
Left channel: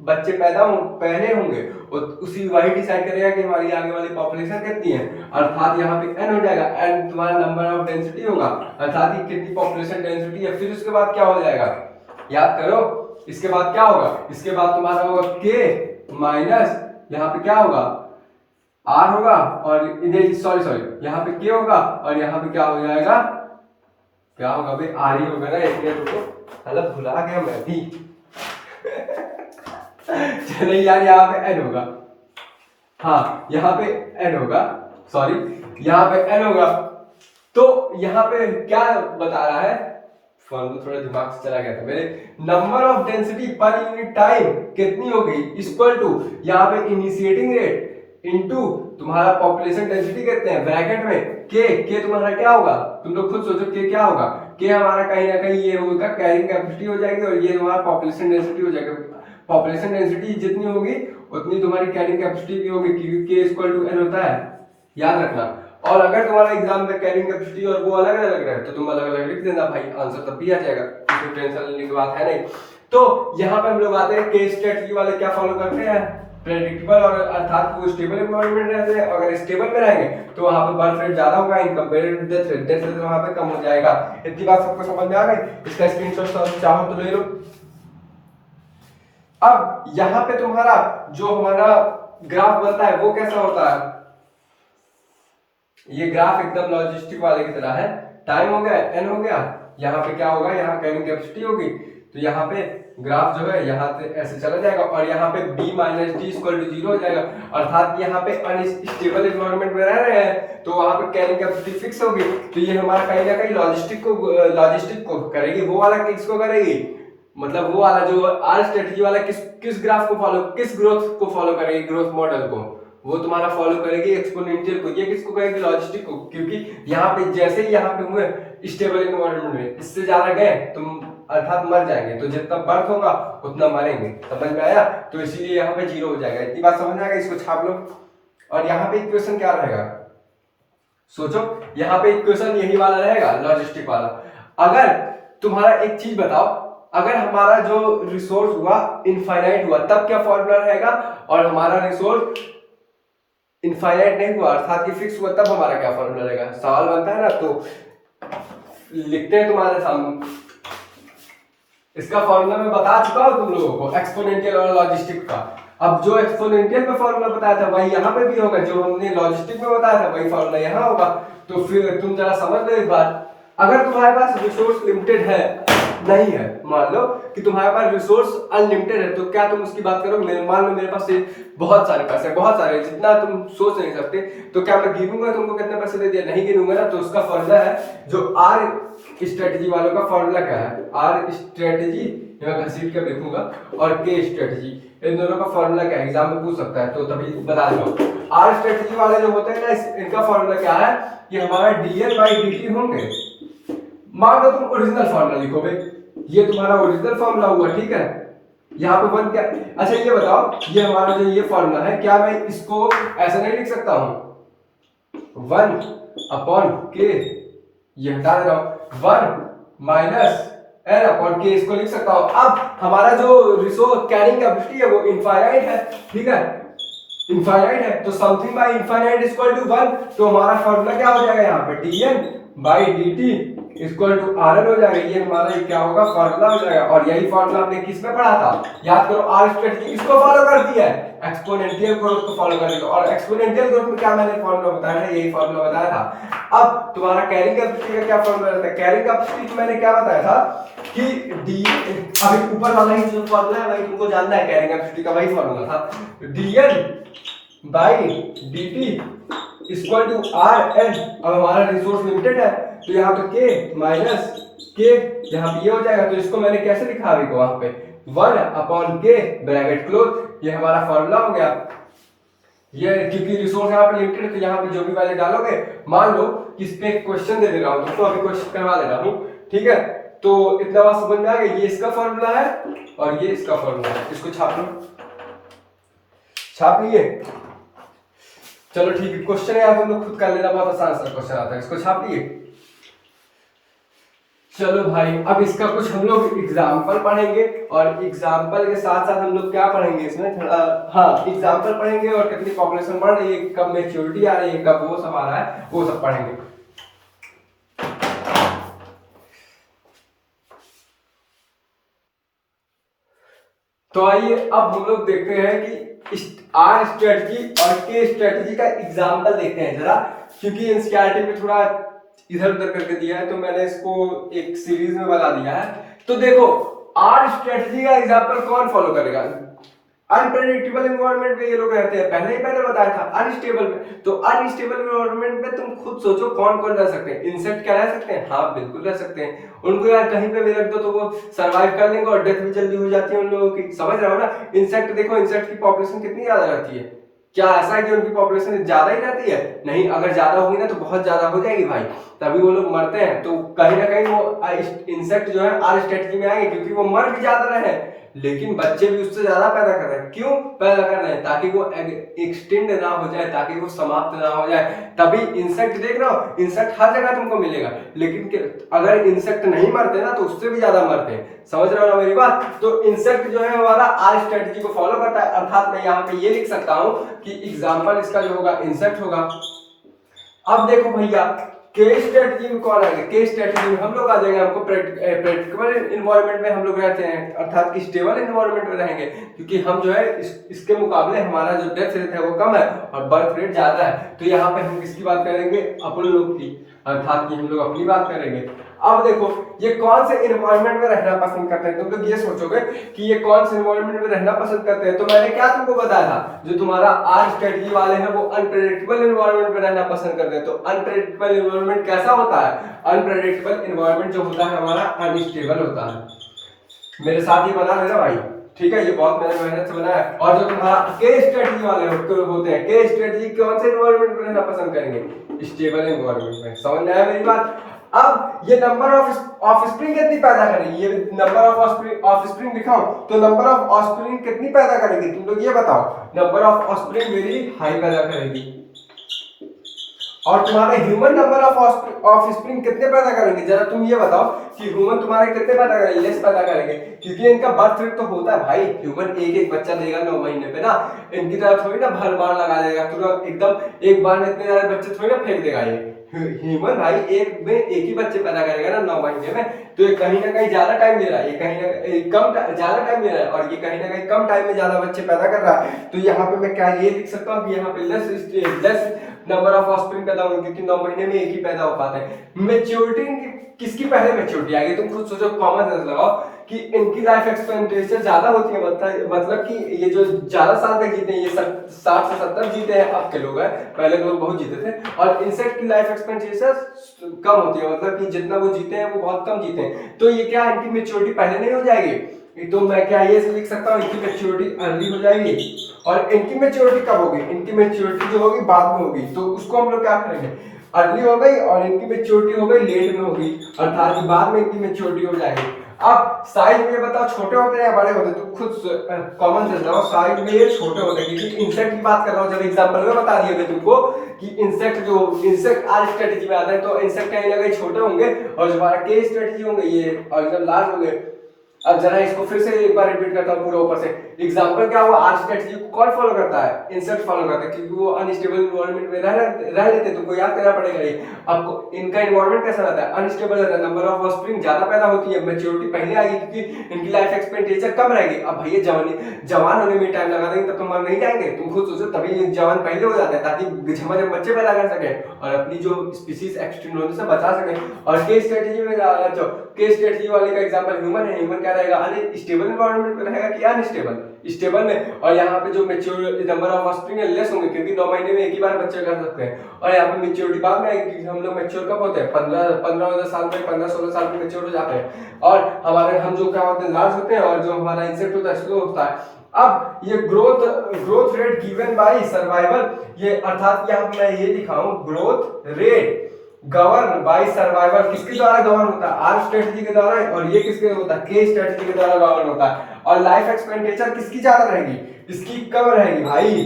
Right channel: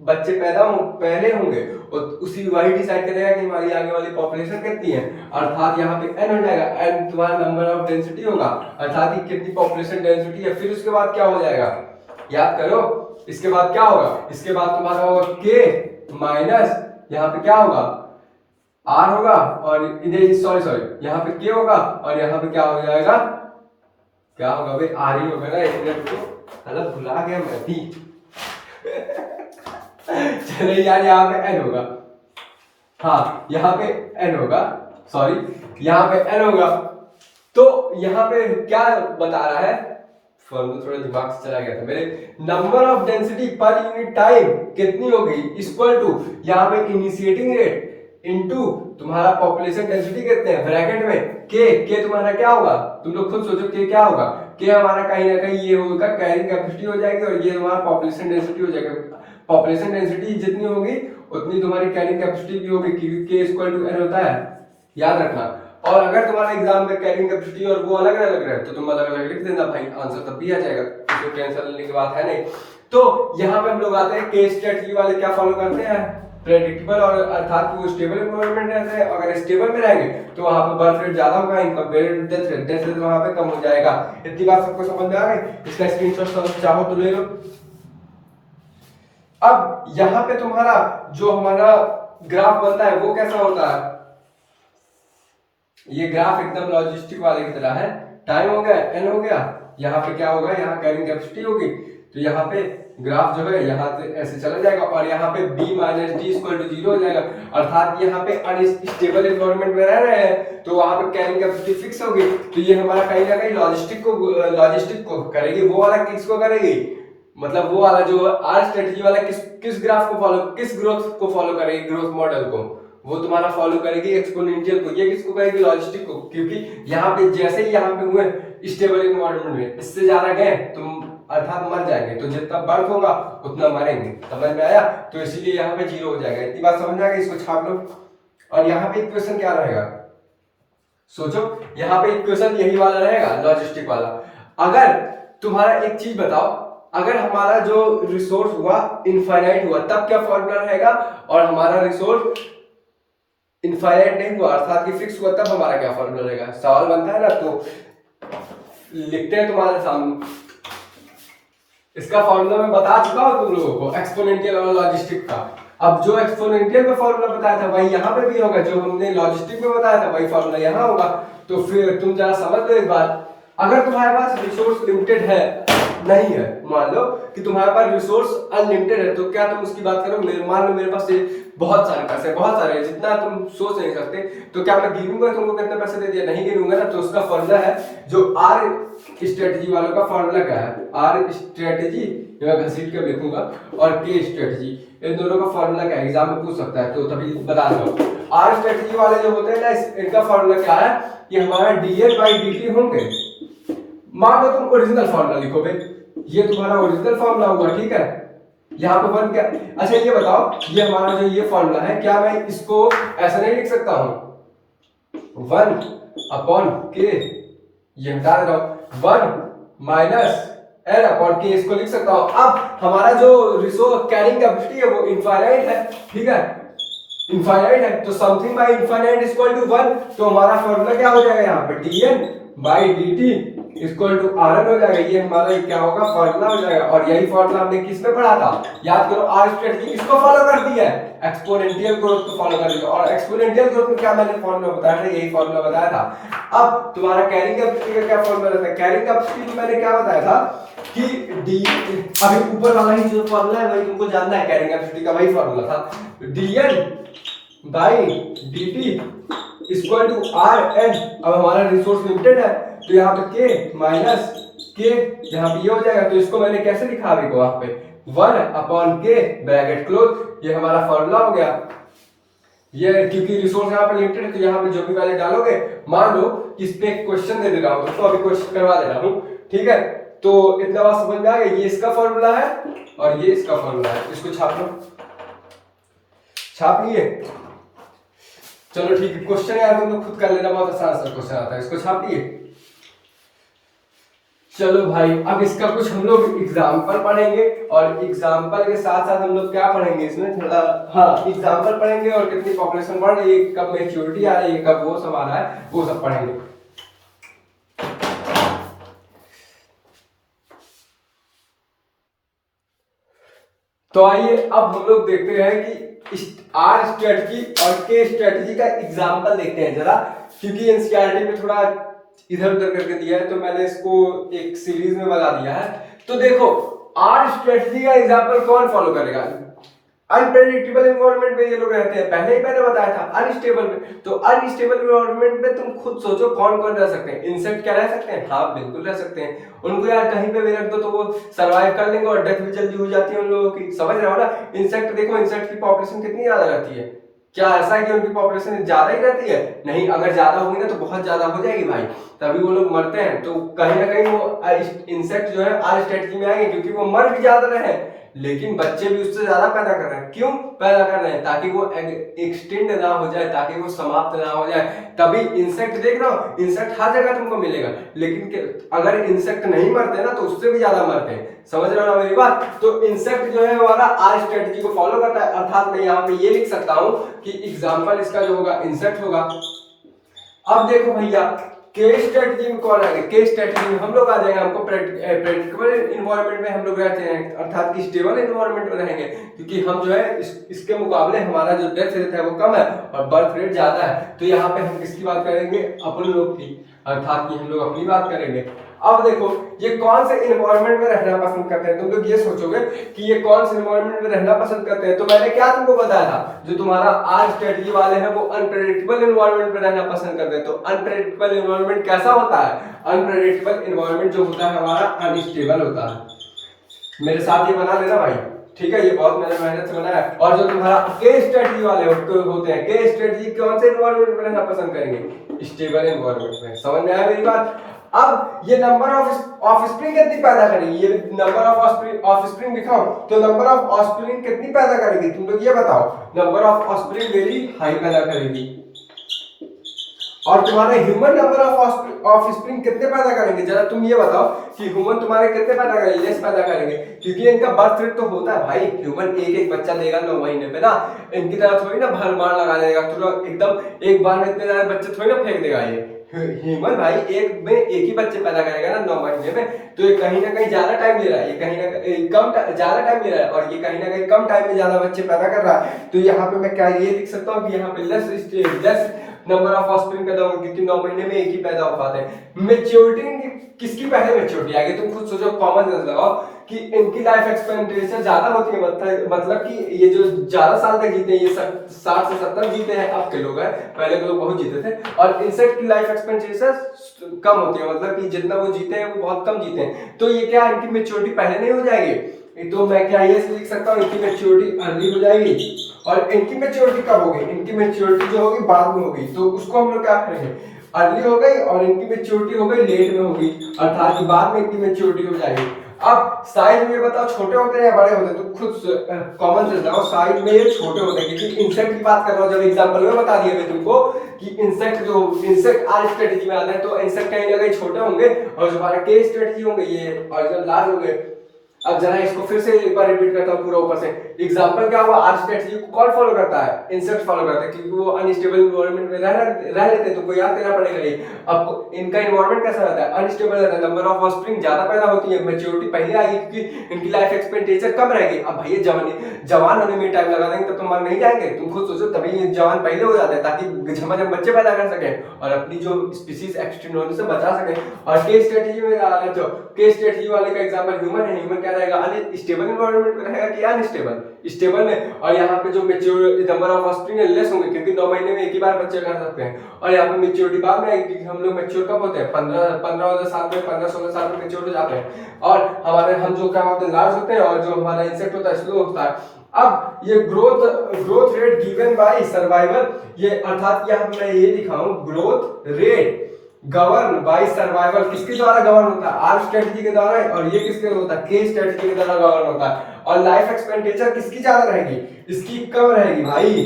बच्चे पैदा पहले होंगे और उसी वही डिसाइड करेगा कि हमारी आगे वाली पॉपुलेशन कितनी है, अर्थात यहाँ पे n हो जाएगा। n तुम्हारा नंबर ऑफ डेंसिटी होगा, अर्थात कि कितनी पॉपुलेशन डेंसिटी है। फिर उसके बाद क्या हो जाएगा? याद करो, इसके बाद क्या होगा? इसके बाद तुम्हारा होगा k माइनस, यहाँ पे क्या होगा? r होगा, और सॉरी यहाँ पे k होगा, और यहाँ पे क्या हो जाएगा? क्या होगा भाई? आर ही होगा ना। एक मिनट रुको, मतलब भुला गया मैं भी चले यार, यहाँ पे n होगा, हाँ यहाँ पे n होगा, सॉरी यहाँ पे n होगा। तो यहाँ पे क्या बता रहा है? फोन तो थोड़ा दिमाग से चला गया था मेरे। नंबर ऑफ डेंसिटी पर यूनिट टाइम कितनी होगी? इक्वल टू यहाँ पे इनिशिएटिंग रेट इनटू तुम्हारा पॉपुलेशन डेंसिटी कितने हैं ब्रैकेट में के तुम्हारा क्या होगा? तुम लोग खुद सोचो के क्या होगा? के हमारा कहीं ना कहीं ये होगा, कैरिंग कैपेसिटी हो जाएगी, और ये हमारा पॉपुलेशन डेंसिटी हो जाएगा। पॉपुलेशन डेंसिटी जितनी होगी उतनी तुम्हारी कैरिंग कैपेसिटी भी होगी, क्योंकि के इक्वल टू एन होता है, याद रखना। और अगर तुम्हारा एग्जाम में कैरिंग कैपेसिटी और वो अलग अलग रहे तो तुम अलग अलग लिख देना भाई, आंसर तब भी आ जाएगा, इसमें टेंशन लेने की बात है नहीं। तो यहाँ पे हम लोग आते हैं के स्ट्रेटजी वाले क्या फॉलो करते हैं, प्रेडिक्टेबल, और अर्थात वो स्टेबल एनवायरनमेंट रहते हैं। अगर स्टेबल में रहेंगे तो वहां पे बर्थ रेट ज्यादा होगा in compare to death rate, death rate वहां पे कम हो जाएगा। इतनी बात सबको समझ में आ गई? इसका स्क्रीनशॉट चाहो तो ले लो। अब यहाँ पे तुम्हारा जो हमारा ग्राफ बनता है वो कैसा होता है, ये ग्राफ एकदम लॉजिस्टिक वाले की तरह है। टाइम हो गया, एन हो गया, यहाँ पे क्या होगा, यहाँ कैरिंग कैपेसिटी होगी, तो यहाँ पे ग्राफ जो है यहाँ से ऐसे चला जाएगा और यहाँ पे b minus D equal to 0 हो जाएगा। अर्थात यहाँ पे अनस्टेबल एनवायरनमेंट में रह रहे हैं तो वहां पे कैरिंग कैपेसिटी फिक्स होगी, तो ये हमारा कहीं ना कहीं लॉजिस्टिक को करेगी, वो वाला किसको करेगी, मतलब वो वाला जो आर स्ट्रेटजी वाला किस ग्राफ को फॉलो, किस ग्रोथ को फॉलो करेगी, ग्रोथ मॉडल को, वो तुम्हारा फॉलो करेगी एक्सपोनेंशियल को। ये किसको करेगी, लॉजिस्टिक को, क्योंकि यहाँ पे जैसे ही यहाँ पे हुए स्टेबल एनवायरनमेंट में, इससे ज्यादा गए तुम अर्थात मर जाएंगे, तो जितना बर्थ होगा उतना मरेंगे। समझ में आया? तो इसीलिए यहाँ पे 0 हो जाएगा। इतनी बात समझ में आएगा? इसको छाप लो। और यहाँ पे इक्वेशन क्या रहेगा, सोचो, यहाँ पे इक्वेशन यही वाला रहेगा, लॉजिस्टिक वाला। अगर तुम्हारा एक चीज बताओ, अगर हमारा जो रिसोर्स हुआ इनफाइनाइट हुआ तब क्या फॉर्मूला रहेगा, और हमारा रिसोर्स इनफाइनाइट नहीं हुआ अर्थात कि फिक्स हुआ तब हमारा क्या फॉर्मूला रहेगा। सवाल बनता है ना, तो लिखते हैं तुम्हारे सामने। इसका फॉर्मूला मैं बता चुका हूं तुम लोगों को, एक्सपोनेंशियल और लॉजिस्टिक का। अब जो एक्सपोनेंशियल पे फॉर्मूला बताया था वही यहाँ पे भी होगा, जो हमने लॉजिस्टिक में बताया था वही फॉर्मूला यहाँ होगा। तो फिर तुम जरा समझ लो एक बात, अगर तुम्हारे पास रिसोर्स लिमिटेड है, नहीं है, मान लो कि तुम्हारे पास रिसोर्स अनलिमिटेड है, तो क्या तुम उसकी बात करोगे, मान लो मेरे पास बहुत सारे पैसे, बहुत सारे, जितना तुम सोच नहीं सकते, तो क्या मैं गिनूंगा तुमको कितने पैसे दे दिया, नहीं गिनूंगा ना। तो उसका फॉर्मूला है जो आर स्ट्रेटजी वालों का फॉर्मूला क्या है, आर स्ट्रेटजी, मैं घसीट के लिखूंगा, और के स्ट्रेटजी, इन दोनों का फॉर्मूला क्या है, एग्जाम में पूछ सकता है, तो तभी बता दो। आर स्ट्रेटजी वाले जो होते हैं ना, इनका फॉर्मूला क्या है कि हमारा dl बाई dt होंगे। मान लो तुम ओरिजिनल फॉर्मूला लिखो भाई, ये तुम्हारा ओरिजिनल फॉर्मूला हुआ, ठीक है। यहाँ पे वन क्या, अच्छा ये बताओ, ये हमारा जो ये फॉर्मूला है, क्या मैं इसको ऐसा नहीं लिख सकता हूँ, 1 अपॉन के, ये हटा दे रहा हूँ, 1 माइनस एन अपॉन के, इसको लिख सकता हूँ। अब हमारा जो रिसोर्स कैरिंग कैपेसिटी है वो इनफाइनाइट है, ठीक है, इनफाइनाइट है, तो something by infinite equal to 1, तो हमारा फॉर्मूला क्या हो जाएगा यहाँ पे, dn by dt equal to rn हो जाएगा। ये हमारा क्या होगा, फॉर्मूला हो जाएगा। और यही फॉर्मूला हमने किस में पढ़ा था, याद करो, आर स्ट्रेटजी किसको फॉलो कर दिया है, एक्सपोनेंशियल ग्रोथ को फॉलो कर दिया। और एक्सपोनेंशियल ग्रोथ में क्या मैंने फॉर्मूला बताया था, यही फॉर्मूला बताया था। अब तुम्हारा कैरिंग कैपेसिटी का क्या फॉर्मूला रहता है, कैरिंग कैपेसिटी मैंने क्या बताया था कि डी, अभी ऊपर वाला ही जो फॉर्मूला है वही तुमको जानना है, कैरिंग कैपेसिटी का वही फॉर्मूला था, dn by dt equal to rn। अब हमारा रिसोर्स लिमिटेड है, तो यहाँ पे k माइनस के, यहाँ पे ये हो जाएगा, तो इसको मैंने कैसे लिखा अभी को, वहां पे 1 अपॉन के ब्रैकेट क्लोज, ये हमारा फॉर्मूला हो गया। ये क्योंकि रिसोर्स यहाँ पे लिमिटेड है, तो यहाँ पे जो भी वैल्यू डालोगे, मान लो कि इस पे क्वेश्चन दे रहा हूँ तुमको, अभी क्वेश्चन करवा दे रहा हूँ, ठीक है। तो इतना बात समझ में आ गई, ये इसका फॉर्मूला है और ये इसका फॉर्मूला है, इसको छाप लो, छाप लिए, चलो ठीक है। क्वेश्चन यार तुम लोग खुद कर लेना, बहुत आसान सा क्वेश्चन आता है, इसको छाप लिए। चलो भाई, अब इसका कुछ हम लोग एग्जाम्पल पढ़ेंगे, और एग्जाम्पल के साथ साथ हम लोग क्या पढ़ेंगे इसमें थोड़ा, हाँ एग्जाम्पल पढ़ेंगे, और कितनी पॉपुलेशन बढ़ रही है, कब मैच्योरिटी आ रही है, कब वो सब आ रहा है, वो सब पढ़ेंगे। तो आइए अब हम लोग देखते हैं कि आर स्ट्रेटजी और के स्ट्रेटजी का एग्जाम्पल देखते हैं जरा, क्योंकि एनसीईआरटी में थोड़ा इधर उधर करके दिया है, तो मैंने इसको एक सीरीज में बना दिया है। तो देखो, आर स्ट्रेटजी का एग्जाम्पल कौन फॉलो करेगा, अनप्रेडिक्टेबल एनवायरनमेंट में ये लोग रहते हैं, पहले ही मैंने बताया था। अनस्टेबल में, तो अनस्टेबल एनवायरनमेंट में तुम खुद सोचो कौन कौन रह सकते हैं, इंसेक्ट क्या रह सकते हैं, हाँ बिल्कुल रह सकते हैं, उनको यार कहीं पे भी रख दो तो वो सरवाइव कर लेंगे, और डेथ भी जल्दी हो जाती है उन लोगों की, समझ रहे हो ना। इंसेक्ट देखो, इंसेक्ट की पॉपुलेशन कितनी ज्यादा रहती है, क्या ऐसा है कि उनकी पॉपुलेशन ज्यादा ही रहती है, नहीं, अगर ज्यादा होगी ना तो बहुत ज्यादा हो जाएगी भाई, तभी वो लोग मरते हैं। तो कहीं ना कहीं वो इंसेक्ट जो है आर स्ट्रेटजी में आएंगे, क्योंकि वो मर भी ज्यादा रहे लेकिन बच्चे भी उससे ज्यादा पैदा कर रहे हैं। क्यों पैदा कर रहे हैं? ताकि वो एक्सटेंड ना हो जाए, ताकि वो समाप्त ना हो जाए। तभी इंसेक्ट देख रहे हो, इंसेक्ट हर जगह तुमको मिलेगा, लेकिन अगर इंसेक्ट नहीं मरते ना तो उससे भी ज्यादा मरते हैं। समझ रहे हो ना मेरी बात? तो इंसेक्ट जो है हमारा आर स्ट्रेटेजी को फॉलो करता है, अर्थात मैं यहाँ पे ये लिख सकता हूं कि एग्जाम्पल इसका जो होगा इंसेक्ट होगा। अब देखो भैया, के स्ट्रेटजी में कौन आएगा? के स्ट्रेटजी में हम लोग आ जाएंगे, हमको प्रेडिक्टेबल इन्वायरमेंट में हम लोग रहते हैं, अर्थात कि स्टेबल इन्वायरमेंट में रहेंगे, क्योंकि हम जो है इसके मुकाबले हमारा जो डेथ रेट है वो कम है और बर्थ रेट ज्यादा है। तो यहाँ पे हम किसकी बात करेंगे? अपन लोग की, अर्थात कि हम लोग अपनी बात करेंगे। अब देखो ये कौन से इन्वायरमेंट में रहना पसंद करते हैं? तुम लोग ये सोचोगे कि ये कौन से इन्वायरमेंट में रहना पसंद करते हैं, तो मैंने क्या तुमको बताया था, जो तुम्हारा आर स्ट्रेटजी वाले हैं वो अनप्रेडिक्टेबल इन्वायरमेंट में रहना पसंद करते हैं। तो अनप्रेडिक्टेबल इन्वायरमेंट कैसा होता है? अनप्रेडिक्टेबल इन्वायरमेंट जो होता है हमारा अनस्टेबल होता है। मेरे साथ ये बना लेना भाई, ठीक है? ये बहुत मैंने मेहनत से बनाया है। और जो तुम्हारा के स्ट्रेटजी वाले होते हैं, के स्ट्रेटजी कौन से इन्वायरमेंट में रहना पसंद करेंगे? स्टेबल इन्वायरमेंट में। समझ में आया मेरी बात? अब ये नंबर ऑफ स्प्रिंग कितनी पैदा करेगी? ये नंबर ऑफ स्प्रिंग लिखाओ, तो नंबर ऑफ ऑफस्प्रिंग कितनी पैदा करेगी? तुम लोग ये बताओ। Number of offspring very high पैदा करेगी। और तुम्हारे ह्यूमन नंबर ऑफ स्प्रिंग कितने पैदा करेंगे? जरा तुम ये बताओ कि ह्यूमन तुम्हारे कितने पैदा करेंगे? लेस पैदा करेंगे, क्योंकि इनका बर्थ रेट तो होता है भाई। ह्यूमन एक एक बच्चा देगा 9 महीने पे ना, इनकी तरह थोड़ी ना भर बार लगा देगा, तो एकदम एक बार में इतने सारे बच्चे थोड़ी ना फेंक देगा। ये ह्यूमन भाई एक में एक ही बच्चे पैदा करेगा ना 9 महीने में, तो ये कहीं ना कहीं ज्यादा टाइम ले रहा है, ये कहीं ना कहीं कम ज्यादा टाइम ले रहा है, और ये कहीं ना कहीं कम टाइम में ज्यादा बच्चे पैदा कर रहा है। तो यहाँ पे मैं क्या ये लिख सकता हूँ कि यहाँ पे लेस नंबर ऑफ ऑफस्प्रिंग पैदा होंगे, क्योंकि 9 महीने में एक ही पैदा हो पाते हैं। मेच्योरिटी किसकी पहले मेच्योरिटी आएगी? तुम खुद सोचो, कॉमन सेंस लगाओ कि इनकी लाइफ एक्सपेक्टेंसी ज्यादा होती है, मतलब कि ये जो ज्यादा साल तक जीते हैं, ये 60 से 70 जीते हैं अब के लोग हैं, पहले लोग बहुत जीते थे। और इंसेक्ट की लाइफ एक्सपेक्टेंसी कम होती है, मतलब कि जितना वो जीते हैं वो बहुत कम जीते हैं। तो ये क्या, इनकी मेच्योरिटी पहले नहीं हो जाएगी? तो मैं क्या ये लिख सकता हूँ, इनकी मेच्योरिटी अर्ली हो जाएगी। और इनकी मेच्योरिटी कब होगी? इनकी मेच्योरिटी जो होगी बाद में होगी, तो उसको हम लोग क्या करेंगे? अर्ली हो गई और इनकी मेच्योरिटी हो गई लेट में होगी, अर्थात बाद में इनकी मेच्योरिटी हो जाएगी। अब साइज में ये बताओ, छोटे होते हैं या बड़े होते हैं? तो खुद कॉमन सेंस लगाओ, साइज में ये छोटे होते हैं, क्योंकि इंसेक्ट की बात कर रहा हूँ। जब एग्जांपल में बता दिया मैं तुमको कि इंसेक्ट आर स्ट्रेटेजी में आते हैं, तो इंसेक्ट कहीं ना कहीं छोटे होंगे, और जो हमारा के स्ट्रेटेजी होंगे ये ऑरिजिनल लार्ज होंगे। अब जरा इसको फिर से एक बार रिपीट करता हूँ पूरा ऊपर से। एग्जांपल क्या हुआ? आर स्ट्रेटजी को कौन फॉलो करता है? इंसेक्ट फॉलो करता है, क्योंकि वो अनस्टेबल इन्वायरमेंट में रह लेते हैं। तुमको याद करना पड़ेगा ये। अब इनका इन्वायरमेंट कैसा रहता है? अनस्टेबल रहता है, नंबर ऑफ ऑफस्प्रिंग ज्यादा पैदा होती है, मैच्योरिटी पहले आएगी, क्योंकि इनकी लाइफ एक्सपेक्टेंसी कम रहेगी। अब भैया जवान होने में टाइम लगा देंगे तब तो मर नहीं जाएंगे। तुम खुद सोचो, तभी जवान पहले हो जाते हैं, ताकि जब बच्चे पैदा कर सके और अपनी जो स्पीसीज एक्सटेंड होने से बचा सके। और के स्ट्रेटजी में के स्ट्रेटजी वाले का एग्जांपल ह्यूमन है। ह्यूमन क्या रहेगा? स्टेबल इन्वायरमेंट में रहेगा कि अनस्टेबल? स्टेबल में। और यहाँ पे जो mature number of offspring less होंगे, क्योंकि 9 महीने में एक ही बार बच्चे कर सकते हैं। और यहाँ पे मैच्योरिटी बाद में आएगी, हम लोग मैच्योर कब होते हैं? 15 साल में, 15-16 साल में मैच्योर हो जाते हैं। और हमारे हम जो क्या होते हैं? लार्ज होते हैं, और जो हमारा इंसेक्ट होता है स्लो होता है। अब ये growth rate given by survival, ये अर्थात यहाँ पे मैं ये लिखा हूँ, growth rate govern by survival किसके द्वारा गवर्न होता है? आर स्ट्रेटजी के द्वारा। और ये किसके होता है? के स्ट्रेटजी के द्वारा गवर्न होता है। और लाइफ एक्सपेक्टेंसी किसकी ज्यादा रहेगी? इसकी कम रहेगी भाई।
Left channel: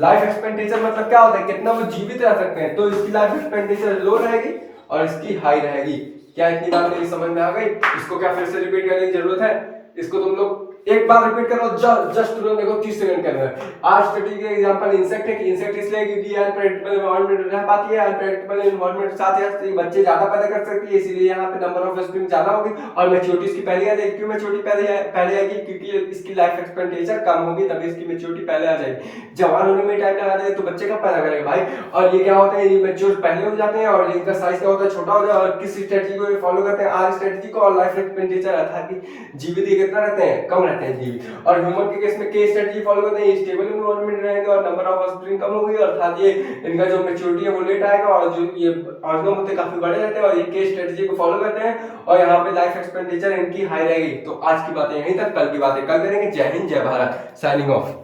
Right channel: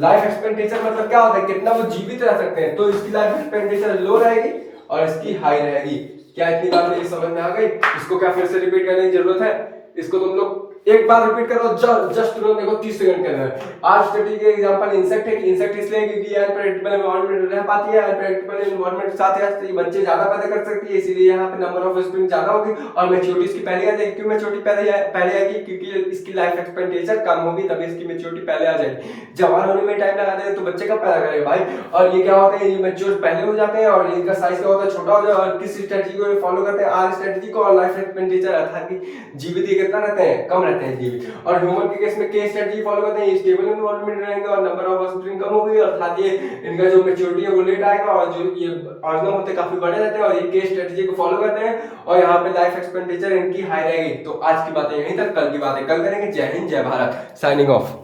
लाइफ एक्सपेक्टेंसी मतलब क्या होता है? कितना वो जीवित रह सकते हैं। तो इसकी लाइफ एक्सपेक्टेंसी लो रहेगी और इसकी हाई रहेगी। क्या इतनी बात मेरी समझ में आ गई? इसको क्या फिर से रिपीट करने की जरूरत है? इसको तुम लोग एक बार रिपीट करो, जस्ट तुरंत देखो 30 सेकंड के अंदर। आज स्टडी के एग्जांपल इंसेक्ट है कि इंसेक्ट इसलिए क्योंकि अनप्रेडिक्टेबल एनवायरनमेंट में रह पाती है। अनप्रेडिक्टेबल एनवायरनमेंट के साथ ये बच्चे ज्यादा पैदा कर सकती है, इसीलिए यहाँ पे नंबर ऑफ ऑफस्प्रिंग ज्यादा होगी। और मैच्योरिटी इसकी पहले आ जाएगी। क्यों मैच्योरिटी पहले आएगी? क्योंकि इसकी लाइफ एक्सपेक्टेंसी कम होगी, तभी इसकी मैच्योरिटी पहले आ जाएगी। जवान होने में टाइम लगा देगा तो बच्चे कब पैदा करेगा भाई? और ये क्या होता है? ये मैच्योर पहले हो जाते हैं और इनका साइज क्या होता है? छोटा हो जाता है। और किस स्ट्रेटजी को फॉलो करते हैं? आर स्ट्रेटजी को। और लाइफ एक्सपेक्टेंसी अर्थात कि जीवित कितना रहते हैं? कम रहते हैं जीवित। और ह्यूमन के केस में के स्ट्रेटजी फॉलो करते हैं, स्टेबल एनवायरनमेंट रहेंगे और नंबर ऑफ ऑफस्प्रिंग कम होगी, और साथ ही इनका जो मैच्योरिटी है वो लेट आएगा। और जो ये ऑरिजिनल होते काफी बड़े रहते हैं और ये के स्ट्रेटजी को फॉलो करते हैं। और यहाँ पे लाइफ एक्सपेंडिचर इनकी हाई रहेगी। तो आज की बातें यहीं तक, कल की बातें कल करेंगे। जय हिंद, जय भारत, साइनिंग ऑफ।